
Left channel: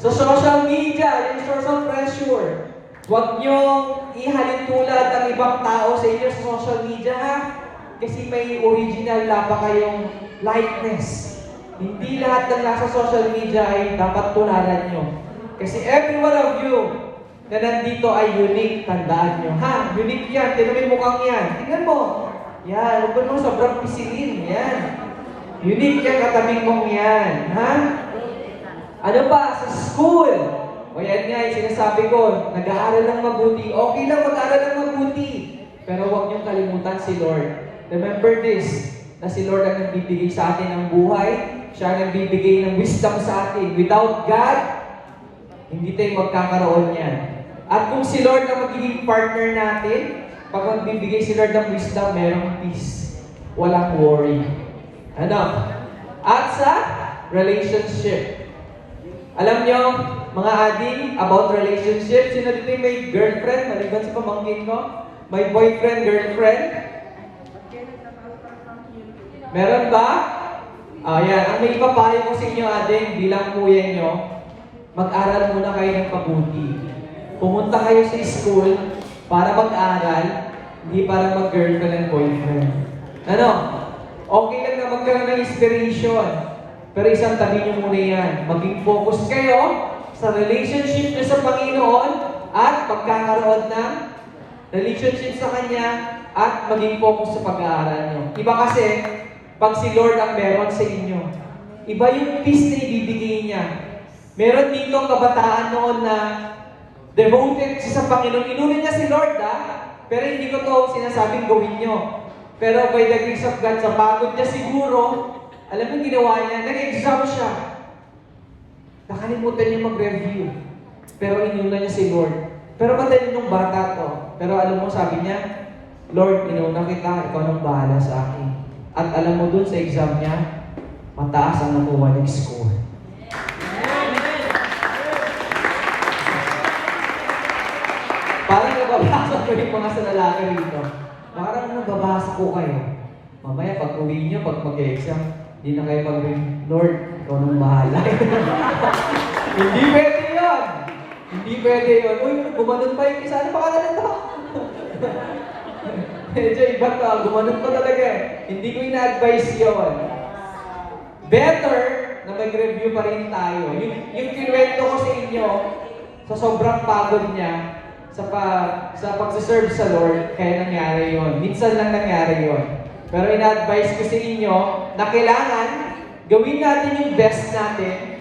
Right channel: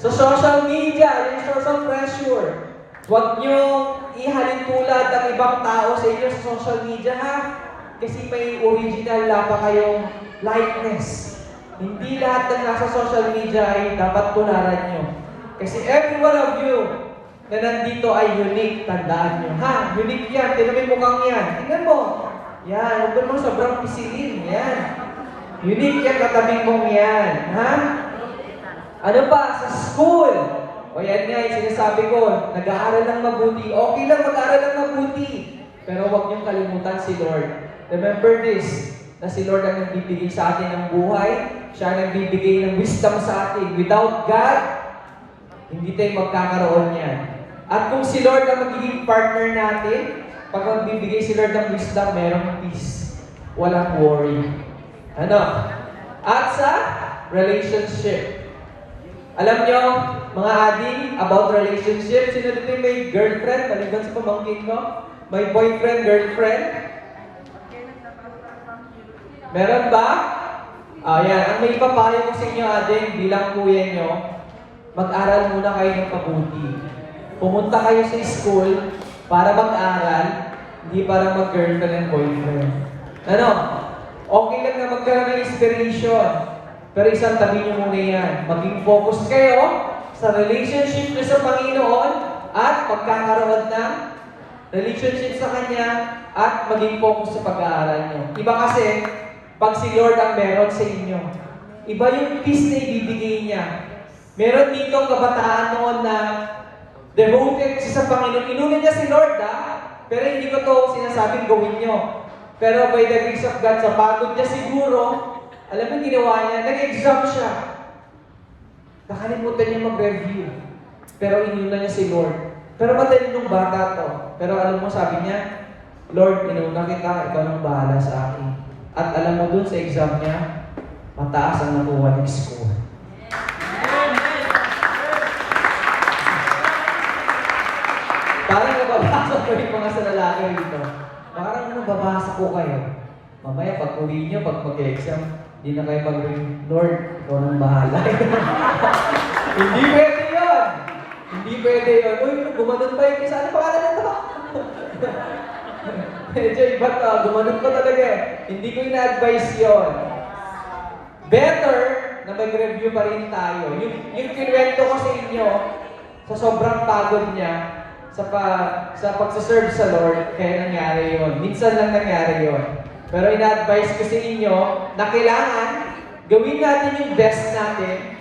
Sa social media, yung source of pressure. Huwag niyong ihalin tulad ang ibang tao sa inyo sa social media, ha? Kasi may original na pa kayong likeness. Hindi lahat ng nasa social media ay dapat tularan nyo. Kasi every one of you na nandito ay unique, tandaan nyo. Ha? Unique yan. Tingnan mo yung mukhang yan. Tingnan mo. Yan. Huwag mo sobrang pisilin. Yan. Unique yan, katabing mong yan. Ha? Ano pa? Sa school. O yan nga, yung sinasabi ko, nag-aaral lang mabuti. Okay lang mag-aaral lang mabuti. Pero huwag niyong kalimutan si Lord. Remember this, na si Lord ang nagbibigay sa atin ng buhay. Siya ang nagbibigay ng wisdom sa atin. Without God, hindi tayo magkakaroon yan. At kung si Lord ang magiging partner natin, pag magbibigay si Lord ng wisdom, merong peace. Walang worry. Ano? At sa relationship. Alam nyo, mga ading, about relationship, sino dito yung may girlfriend, maliban sa pamangkin ko? May boyfriend, girlfriend? Meron ba? Yan. Ang may papayo ko sa inyo, ading, bilang kuya nyo, mag-aral muna kayo ng pabuti. Pumunta kayo sa school para mag-aral, hindi para mag-girlfriend and boyfriend. Ano? Okay lang na magkaroon ng inspiration. Pero isang tabi nyo muna yan. Maging focus kayo sa relationship nyo sa Panginoon at pagkakaroon ng relationship sa Kanya at maging focus sa pag-aaral nyo. Iba kasi, pag si Lord ang meron sa inyo, iba yung peace na ibibigay niya. Meron dito kabataan noon na devoted siya sa Panginoon. Inunin niya si Lord, pero hindi ko to sinasabing gawin nyo. Pero by the grace of God, sa pagod niya siguro, alam mo ginawa niya, nag-exam siya. Nakalimutan niya mag-review. Pero inuna niya si Lord. Pero madali nung bata to. Pero alam mo, sabi niya, Lord, inuna kita, ikaw nang bahala sa akin. At alam mo dun sa exam niya, mataas ang nakuha ng score. Parang nababasa ko yung mga sa lalaki rito. Parang nababasa ko kayo. Mamaya pag uwi niyo, pag mag-exam, hindi na kayo mag-ring, Lord, ikaw nang bahala. Hindi pwede yun! Hindi pwede yun. Uy, gumanon pa yung kisa. Ano pangalan nito? Medyo iba to. Gumanon pa talaga eh. Hindi ko ina-advise yun. Better na mag-review pa rin tayo. Yung kinuwento ko sa inyo, sa sobrang pagod niya, sa pagsaserve sa Lord, kaya nangyari yon. Minsan lang nangyari yon. Pero ina-advise ko sa inyo na kailangan gawin natin yung best natin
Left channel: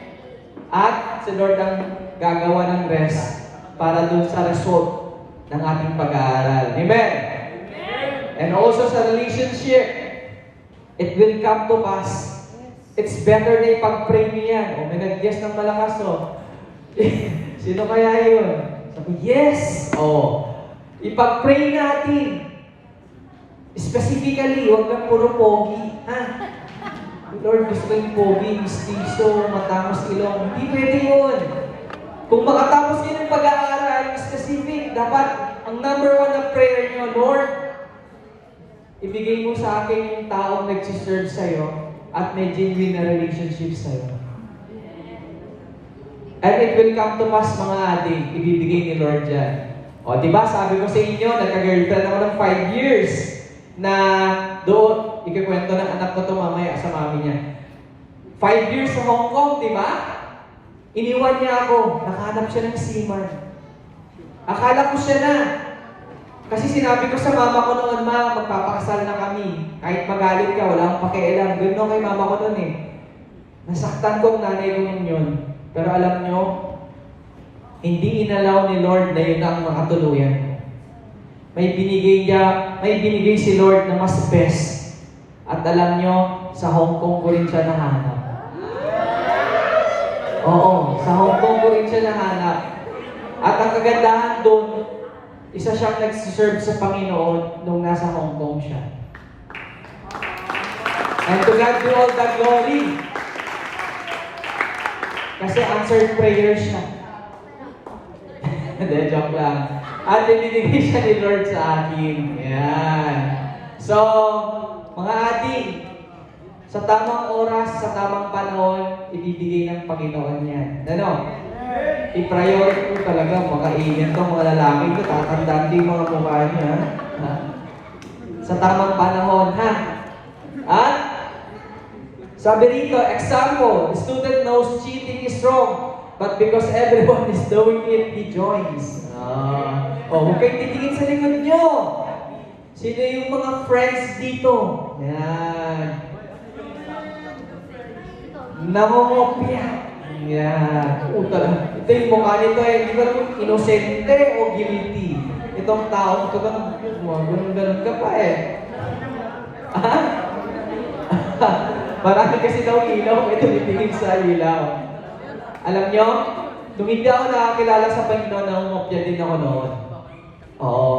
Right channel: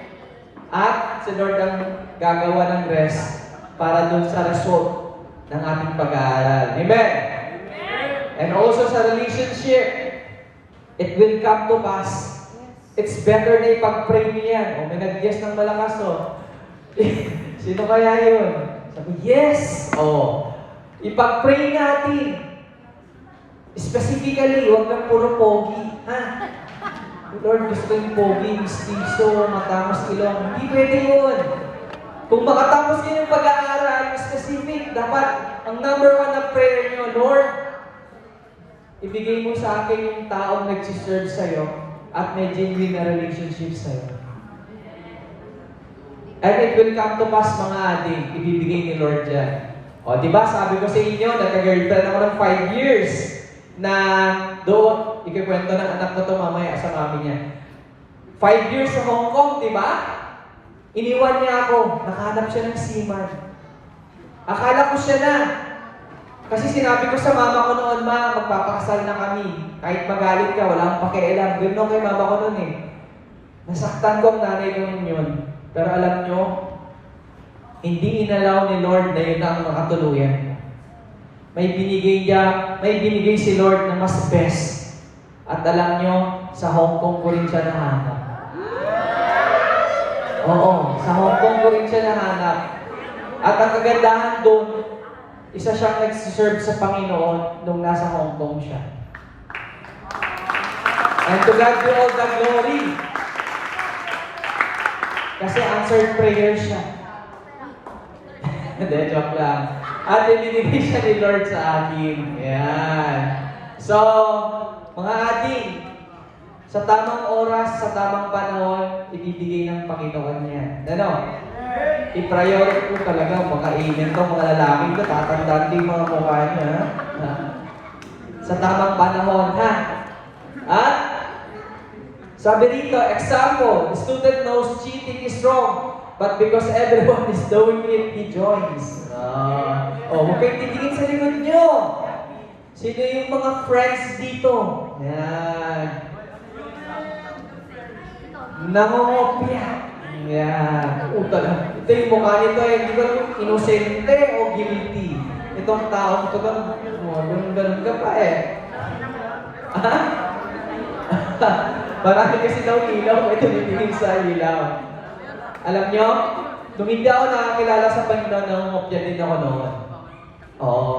at si Lord ang gagawa ng rest para dun sa result ng ating pag-aaral. Amen? And also sa relationship, it will come to pass. It's better na ipag-pray niyo yan. O, may nag-yes ng malakas, o. Sino kaya yun? Sabi, yes! O, ipag-pray natin. Specifically, huwag lang puro pogi. Ha? Lord, gusto ko yung pogi, mistiso, matangos ilong. Hindi pwede yun. Kung makatapos yun yung pag-aaral, specific, dapat ang number 1 na prayer nyo, Lord, ibigay mo sa akin yung taong nag-serve sa'yo at may genuine na relationship sa'yo. And it will come to pass, mga ading, ibibigay ni Lord yan. O, diba, sabi ko sa inyo, nagka-girlfriend ako ng 5 years na doon, ikikwento ng anak ko to mamaya sa mami niya. 5 years sa Hong Kong, di ba? Iniwan niya ako. Nakahanap siya ng seaman. Akala ko siya na. Kasi sinabi ko sa mama ko noon, ma, magpapakasal na kami. Kahit magalit ka, wala akong pakialam. Ganoon kay mama ko noon eh. Nasaktan ko ang nanay ko noon yun. Pero alam nyo, Hindi inalaw ni Lord na yun ang makatuluyan mo. May binigay si Lord na mas best. At alam nyo, sa Hong Kong ko rin siya nahanap. Oo, sa Hong Kong ko rin siya nahanap. At ang kagandahan doon, isa siyang nagsiserve sa Panginoon nung nasa Hong Kong siya. And to God be all the glory. Kasi answered prayer siya. Hindi, joke lang. At ibinigay siya ni Lord sa akin. Yan. So, mga ating, sa tamang oras, sa tamang panahon, ibibigay ng Panginoon yan. Ano? I-priority ko talaga, makainin to mga lalaki ko, tatandaan din mga mukha niya. Ha? Sa tamang panahon, ha? At, sabi rito, example, the student knows cheating is wrong, but because everyone is doing it, he joins. Huwag kayong titingin sa likod nyo. Sino yung mga friends dito? Yan. Nangongopya. Yan. Talaga. Ito yung mukha nito hindi ba inosente o guilty? Itong tao, ito ganun ka pa Ha? Marami kasi daw ilaw, may tumitingin sa ilaw. Alam nyo, nung hindi ako nakakilala sa Panginoon, nangungopya din ako noon. Oo.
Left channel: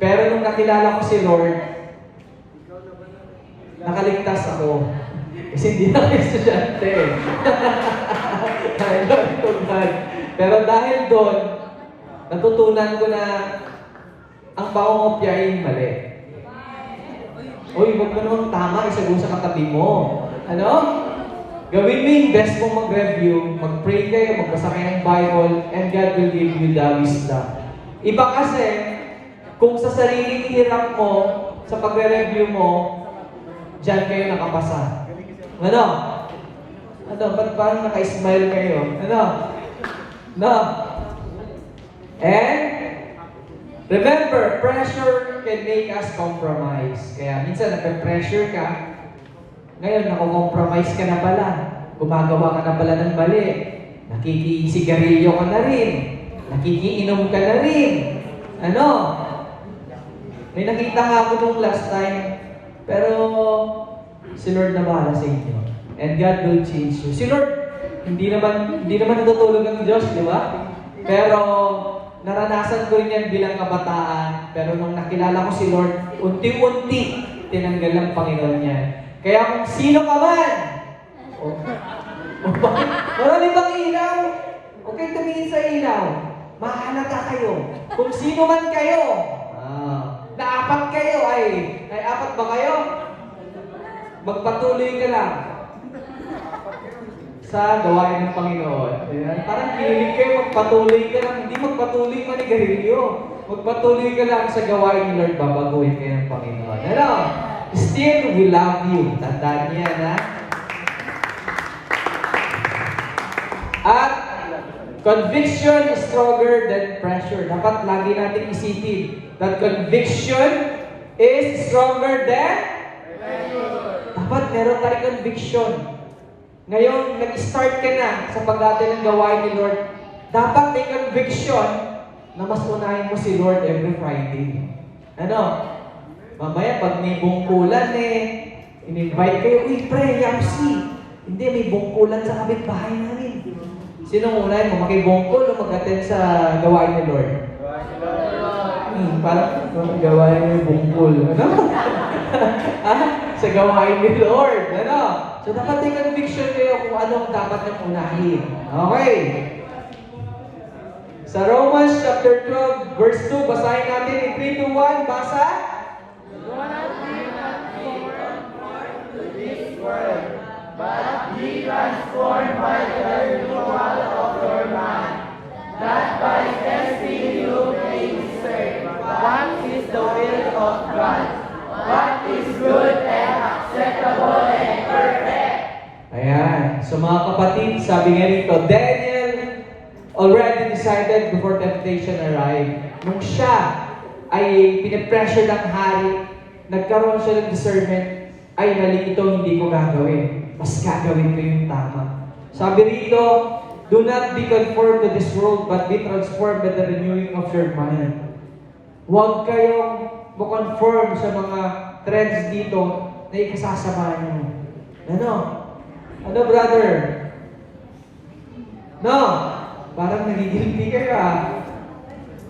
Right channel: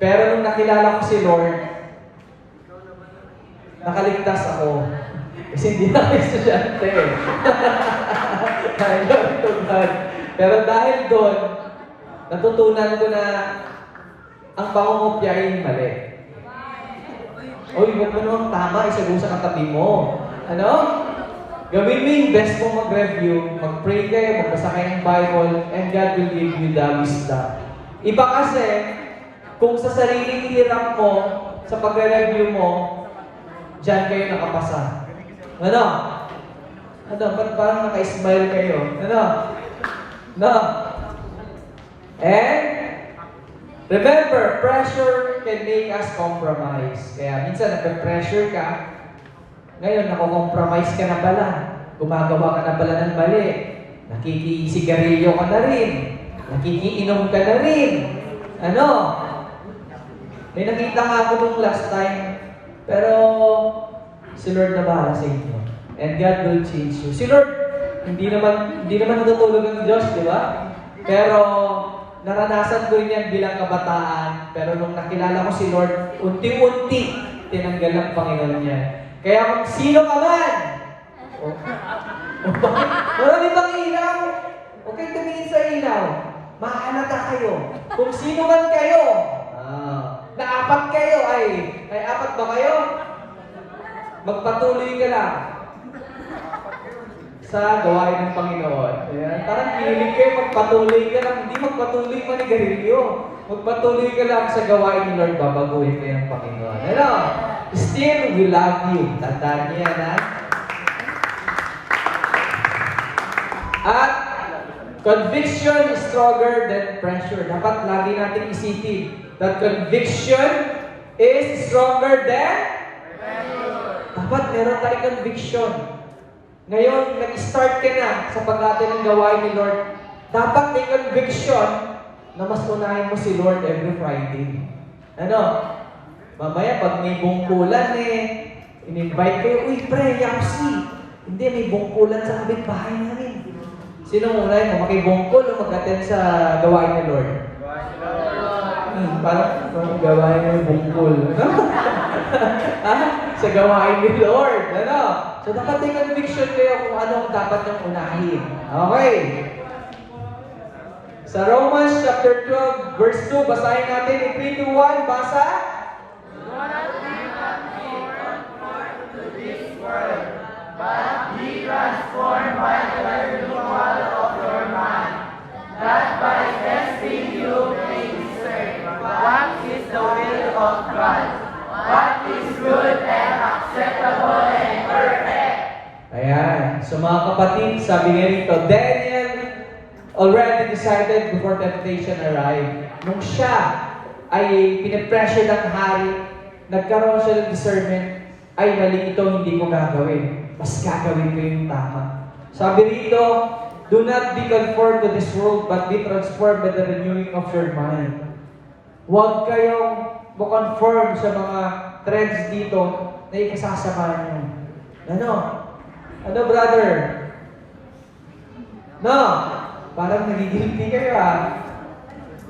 Pero nung nakilala ko si Lord, nakaligtas ako. Kasi hindi na ako estudyante. Glory to God. Pero dahil doon, natutunan ko na ang pangungopya ay mali. Uy, huwag mo namang tama, isagot sa katabi mo. Ano? Gawin mo yung best mong mag-review, mag-pray kayo, magbasa kayo ng Bible, and God will give you the wisdom. Iba kasi, kung sa sariling hirap mo, sa pagre-review mo, dyan kayo nakapasa. Ano? Ba't parang naka-smile kayo? Ano? No? And, remember, pressure can make us compromise. Kaya minsan nape-pressure ka, ngayon nako-compromise ka na pala. Gumagawa ka na pala ng mali. Nakikisigarilyo ka na rin. Nakikiinom ka na rin. Ano? May nakita nga ako nung last time, pero si Lord na bahala sa inyo. And God will change you. Si Lord, hindi naman natutulog ang Diyos, di ba? Pero naranasan ko rin yan bilang kabataan. Pero nung nakilala ko si Lord, unti-unti tinanggal ang Panginoon niya. Kaya kung sino ka man, marami bang ilaw? Okay, tumingin sa ilaw. Mahalata kayo. Kung sino man kayo, na apat kayo, ay apat ba kayo? Magpatuloy ka lang sa gawain ng Panginoon. Ayan. Parang hilig kayo, magpatuloy ka lang. Hindi magpatuloy manigarilyo. Magpatuloy ka lang sa gawain ni Lord, babaguhin kayo ng Panginoon. Ano? Still, we love you. Tandaan niya na. At conviction is stronger than pressure. Dapat lagi natin isipin that conviction is stronger than dapat meron tayong conviction. Ngayon, nag-start ka na sa pag-ate ng gawain ni Lord. Dapat may conviction na mas unahin mo si Lord every Friday. Ano? Mamaya, pag may bungkulan in-invite kayo, uy, pre, Yapsi. Hindi, may bungkulan sa kapitbahay namin. Sino muna mo? Makibungkol o mag-attend sa gawain ni Lord? Parang gawain ni bungkol. Ano? Sa gawain ni Lord. Ano? So, dapat may conviction kayo kung anong dapat niyong unahin. Okay. Sa Romans chapter 12, verse 2, basahin natin in 3, 2, 1. Basa. Ayan. So mga kapatid, sabi nga rito, Daniel already decided before temptation arrived. Nung siya ay pinipressure ng hari, nagkaroon siya ng discernment, ay mali ito, hindi ko gagawin. Mas gagawin ko yung tama. Sabi rito, Do not be conformed to this world, but be transformed by the renewing of your mind. Huwag kayong conform sa mga trends dito na ikasasama nyo. Ano? Ano, brother? No? Parang nagigilty kayo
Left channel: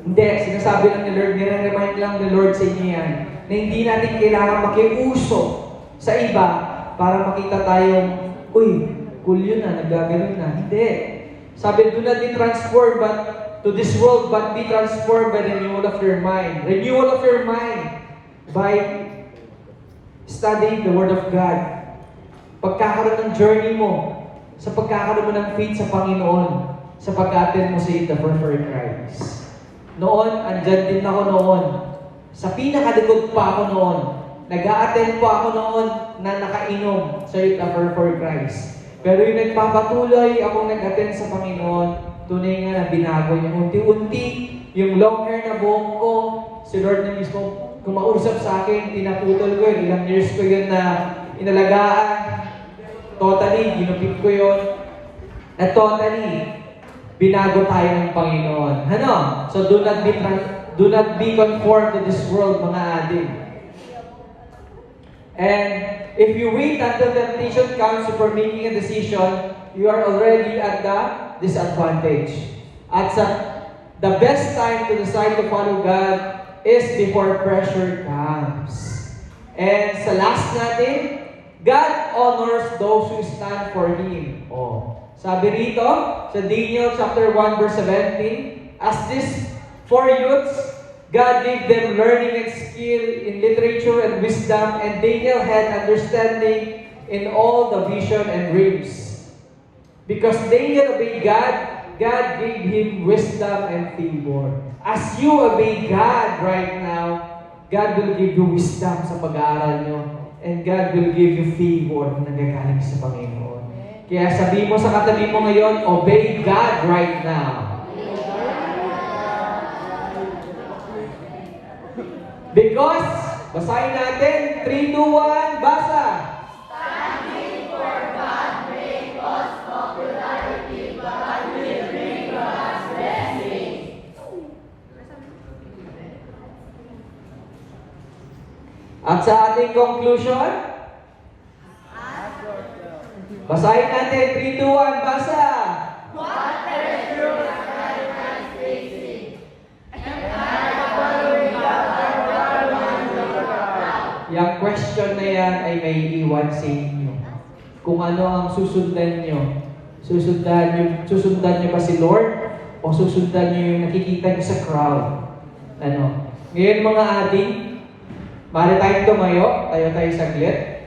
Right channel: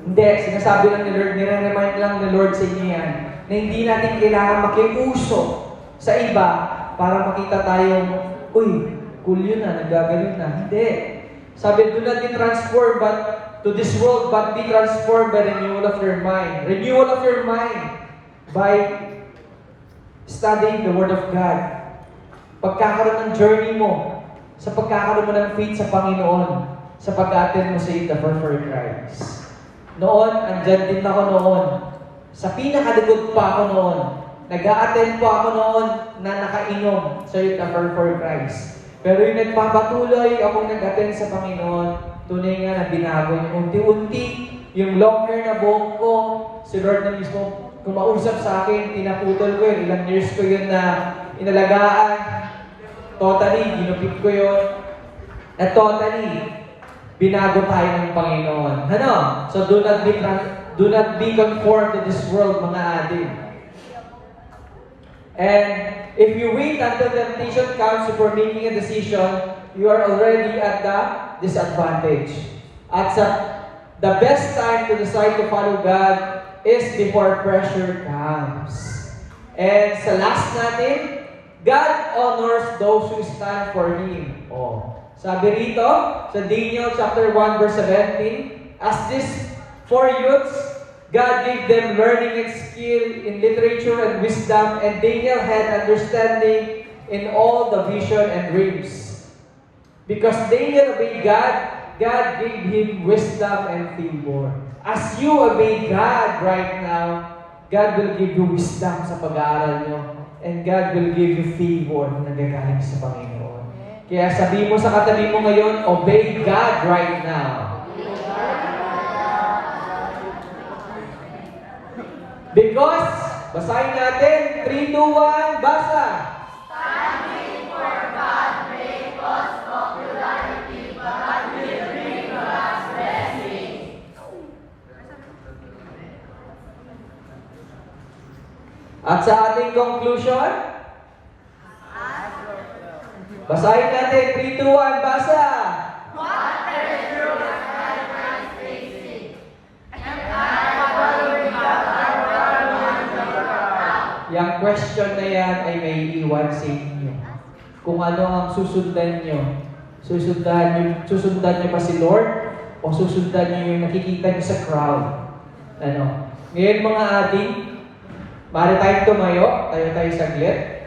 Hindi, sinasabi lang ni Lord, nire-remind lang ni Lord sa inyo yan, na hindi natin kailangan makiuso sa iba para makita tayong, uy, cool yun nagaganon na. Hindi. Sabi, do not be transformed to this world, but be transformed by renewal of your mind. Renewal of your mind by studying the Word of God. Pagkakaroon ng journey mo, sa pagkakaroon mo ng faith sa Panginoon, sa pag-attend mo sa Eat the for Christ. Noon, andyan din ako noon. Sa pinakalikod pa ako noon. Nag-a-attend pa ako noon na nakainom sa Eat the for Christ. Pero yung nagpapatuloy akong nag-attend sa Panginoon, tunay nga na binago yung unti-unti, yung long hair na buhok ko, si Lord na mismo kumausap sa akin, tinaputol ko yun, ilang years ko yun na inalagaan, totally, ginupit ko yun, na totally, binago tayo ng Panginoon. Ano? So do not be conformed to this world, mga adik. And if you wait until temptation comes before making a decision, you are already at the disadvantage. At the best time to decide to follow God is before pressure comes. And sa last natin, God honors those who stand for Him. Sabi rito, sa Daniel chapter 1 verse 17, as these 4 youths, God gave them learning and skill in literature and wisdom, and Daniel had understanding in all the vision and dreams. Because Daniel obeyed God, God gave him wisdom and favor. As you obey God right now, God will give you wisdom sa pag-aaral nyo, and God will give you favor na nagagaling sa Panginoon. Kaya sabi mo sa katabi mo ngayon, obey God right now. Because, basahin natin, 3, 2, 1, basa! Standing for God may cause popularity, but God will bring God's blessing. At sa ating conclusion, basahin natin, 3, 2, 1, basa! Yung question na yan ay may iwan sa inyo. Kung ano ang susundan nyo. Susundan nyo ba si Lord? O susundan nyo yung nakikita nyo sa crowd? Ngayon mga ating, maaari tayong tumayo, tayo saglit.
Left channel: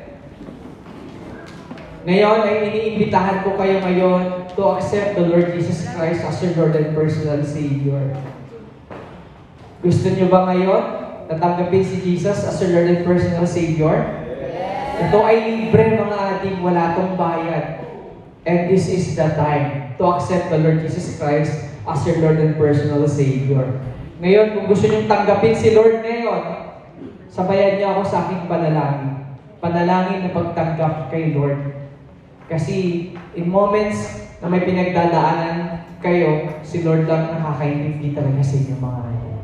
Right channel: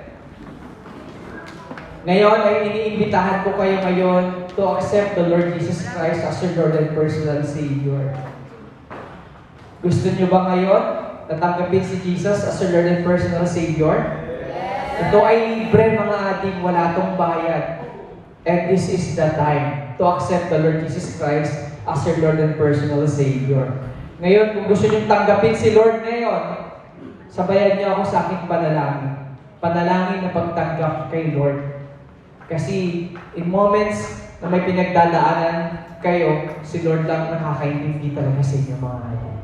Ngayon ay iniimbitahan ko kayo ngayon to accept the Lord Jesus Christ as your Lord and personal Savior. Gusto nyo ba ngayon tatanggapin si Jesus as your Lord and personal Savior? Yes. Ito ay libre mga ating, wala tong bayad. And this is the time to accept the Lord Jesus Christ as your Lord and personal Savior. Ngayon, kung gusto nyo tanggapin si Lord ngayon, sabayan niyo ako sa aking panalangin. Panalangin na pagtanggap kay Lord. Kasi in moments na may pinagdadaanan kayo, si Lord lang nakakaintindi talaga sa inyo mga ating.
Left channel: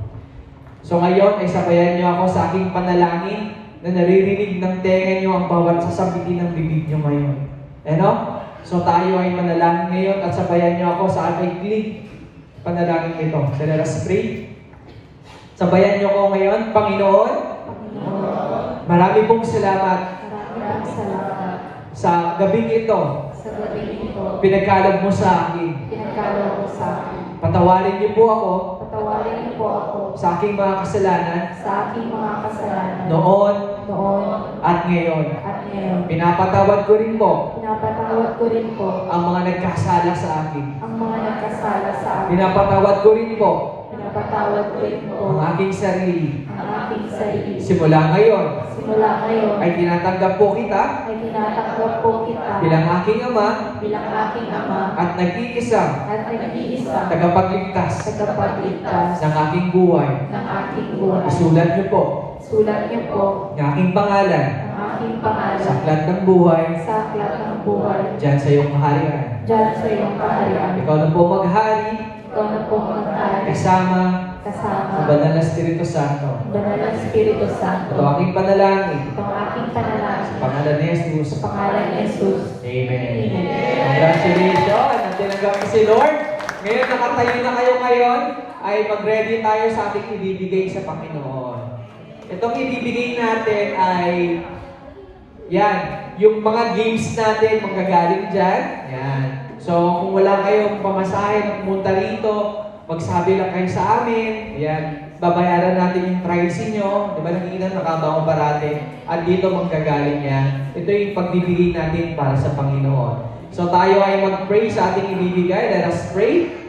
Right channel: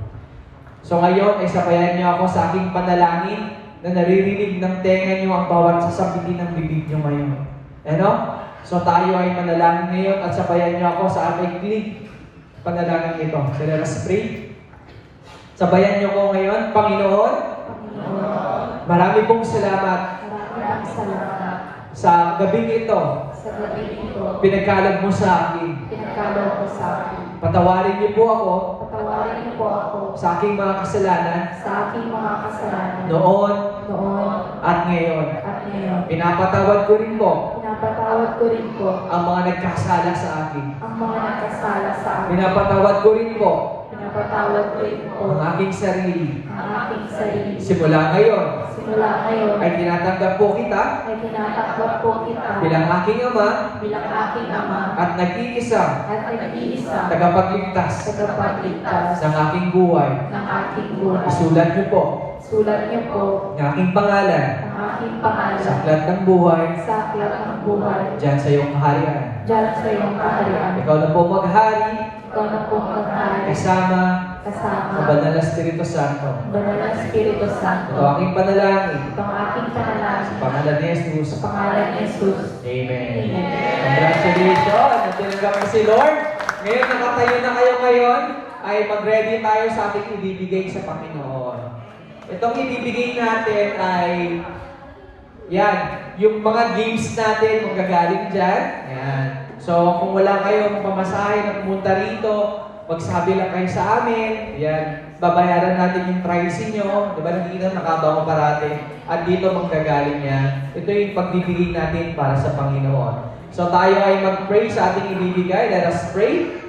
So ngayon ay sabayan niyo ako sa aking panalangin na naririnig ng tenga niyo ang bawat sasabitin ng bibig niyo ngayon. So tayo ay manalangin ngayon at sabayan niyo ako sa aking panalangin ito. So let us pray. Sabayan niyo ko ngayon, Panginoon, marami pong salamat sa gabing ito. Pinagkaloob mo sa akin. Patawarin niyo po ako sa aking mga kasalanan noon at ngayon. Pinapatawad ko rin po ang mga nagkasala sa akin. Pinapatawad ko rin po ang aking sarili. Simula ngayon ay tinatanggap po kita bilang aking ama at nag-iisang tagapagligtas ng aking buhay. Isulat niyo po Sulat niyo po ng aking pangalan ang aking pangalan sa aklat ng buhay sa aklat ng buhay dyan sa iyong kaharian. diyan sa iyong kaharian. Ikaw na po maghari Ikaw na po maghari kasama kasama ng Banal na Espiritu Santo. Banal na Espiritu Santo. Ito ang aking panalangin. Ito ang aking panalangin Sa pangalan ni Jesus. sa pangalan ni Jesus. Amen. Amen. Congratulations! At tinanggap ko si Lord. Ngayon, nakatayo na kayo ngayon, ay mag-ready tayo sa ating ibibigay sa Panginoon. Itong ibibigay natin ay, yan, yung mga games natin, manggagaling dyan. Yan. So, kung wala kayong pamasahe na pumunta rito, magsabi lang kayo sa amin. Yan. Babayaran natin yung price nyo. Di ba nakikita nakabango parati? At dito manggagaling yan. Ito yung pagbibigay natin para sa Panginoon. So tayo ay mag-pray sa ating ibibigay. Let us pray.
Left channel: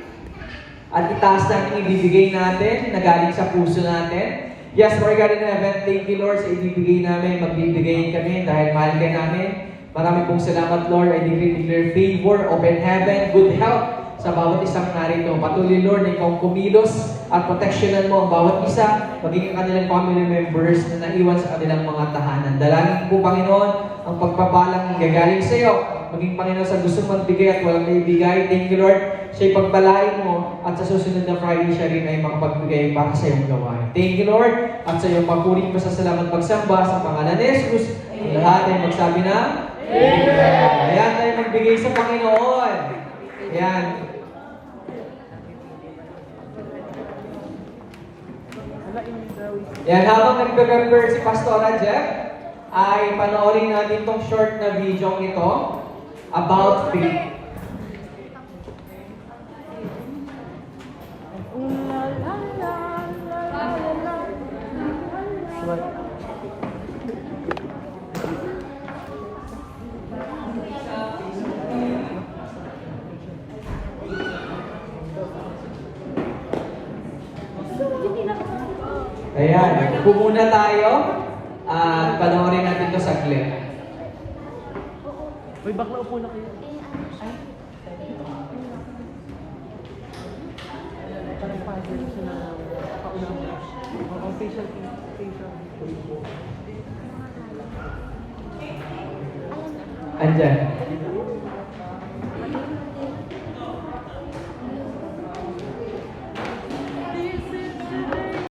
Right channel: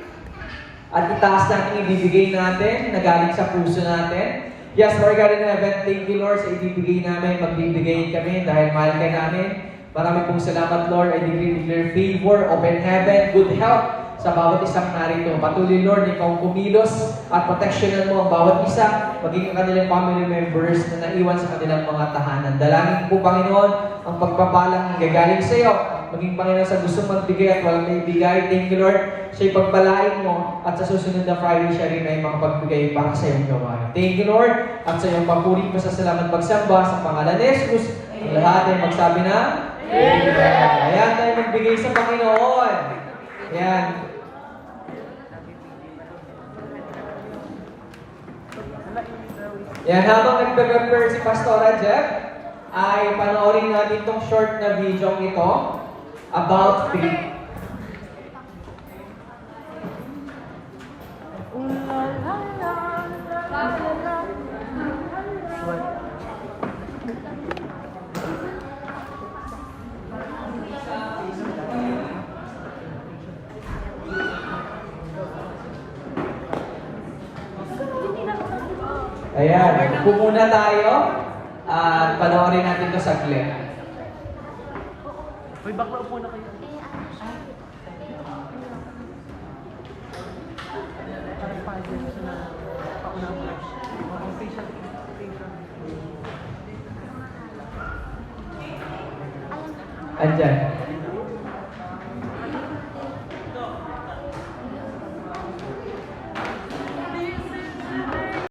At itaas natin ibibigay natin na galing sa puso natin. Yes, Lord God in heaven, thank you Lord sa ibibigay namin. Magbibigay kami dahil mahal ka namin. Marami pong salamat Lord. I declare favor, open heaven, good health sa bawat isang narito. Patuloy Lord na ikaw kumilos at proteksyonan mo ang bawat isa, maging ang kanilang family members na naiwan sa kanilang mga tahanan. Dalangin po Panginoon ang pagpapalang gagaling sa iyo. Maging Panginoon sa gusto magbigay at walang naibigay. Thank you Lord sa ipagpalain mo at sa susunod na Friday siya rin ay makapagbigay para sa iyong gawain. Thank you Lord at sa iyong papuring pasasalamat pagsamba sa pangalan ni Jesus. Ang lahat ay magsabi na Amen. Ayan tayo magbigay sa Panginoon. Ayan. Yan, habang nagpe-prepare si Pastora Jeff, ay panoorin natin itong short na video ito about faith. Ayan, upo muna tayo at panoorin natin ito saglit. Andyan.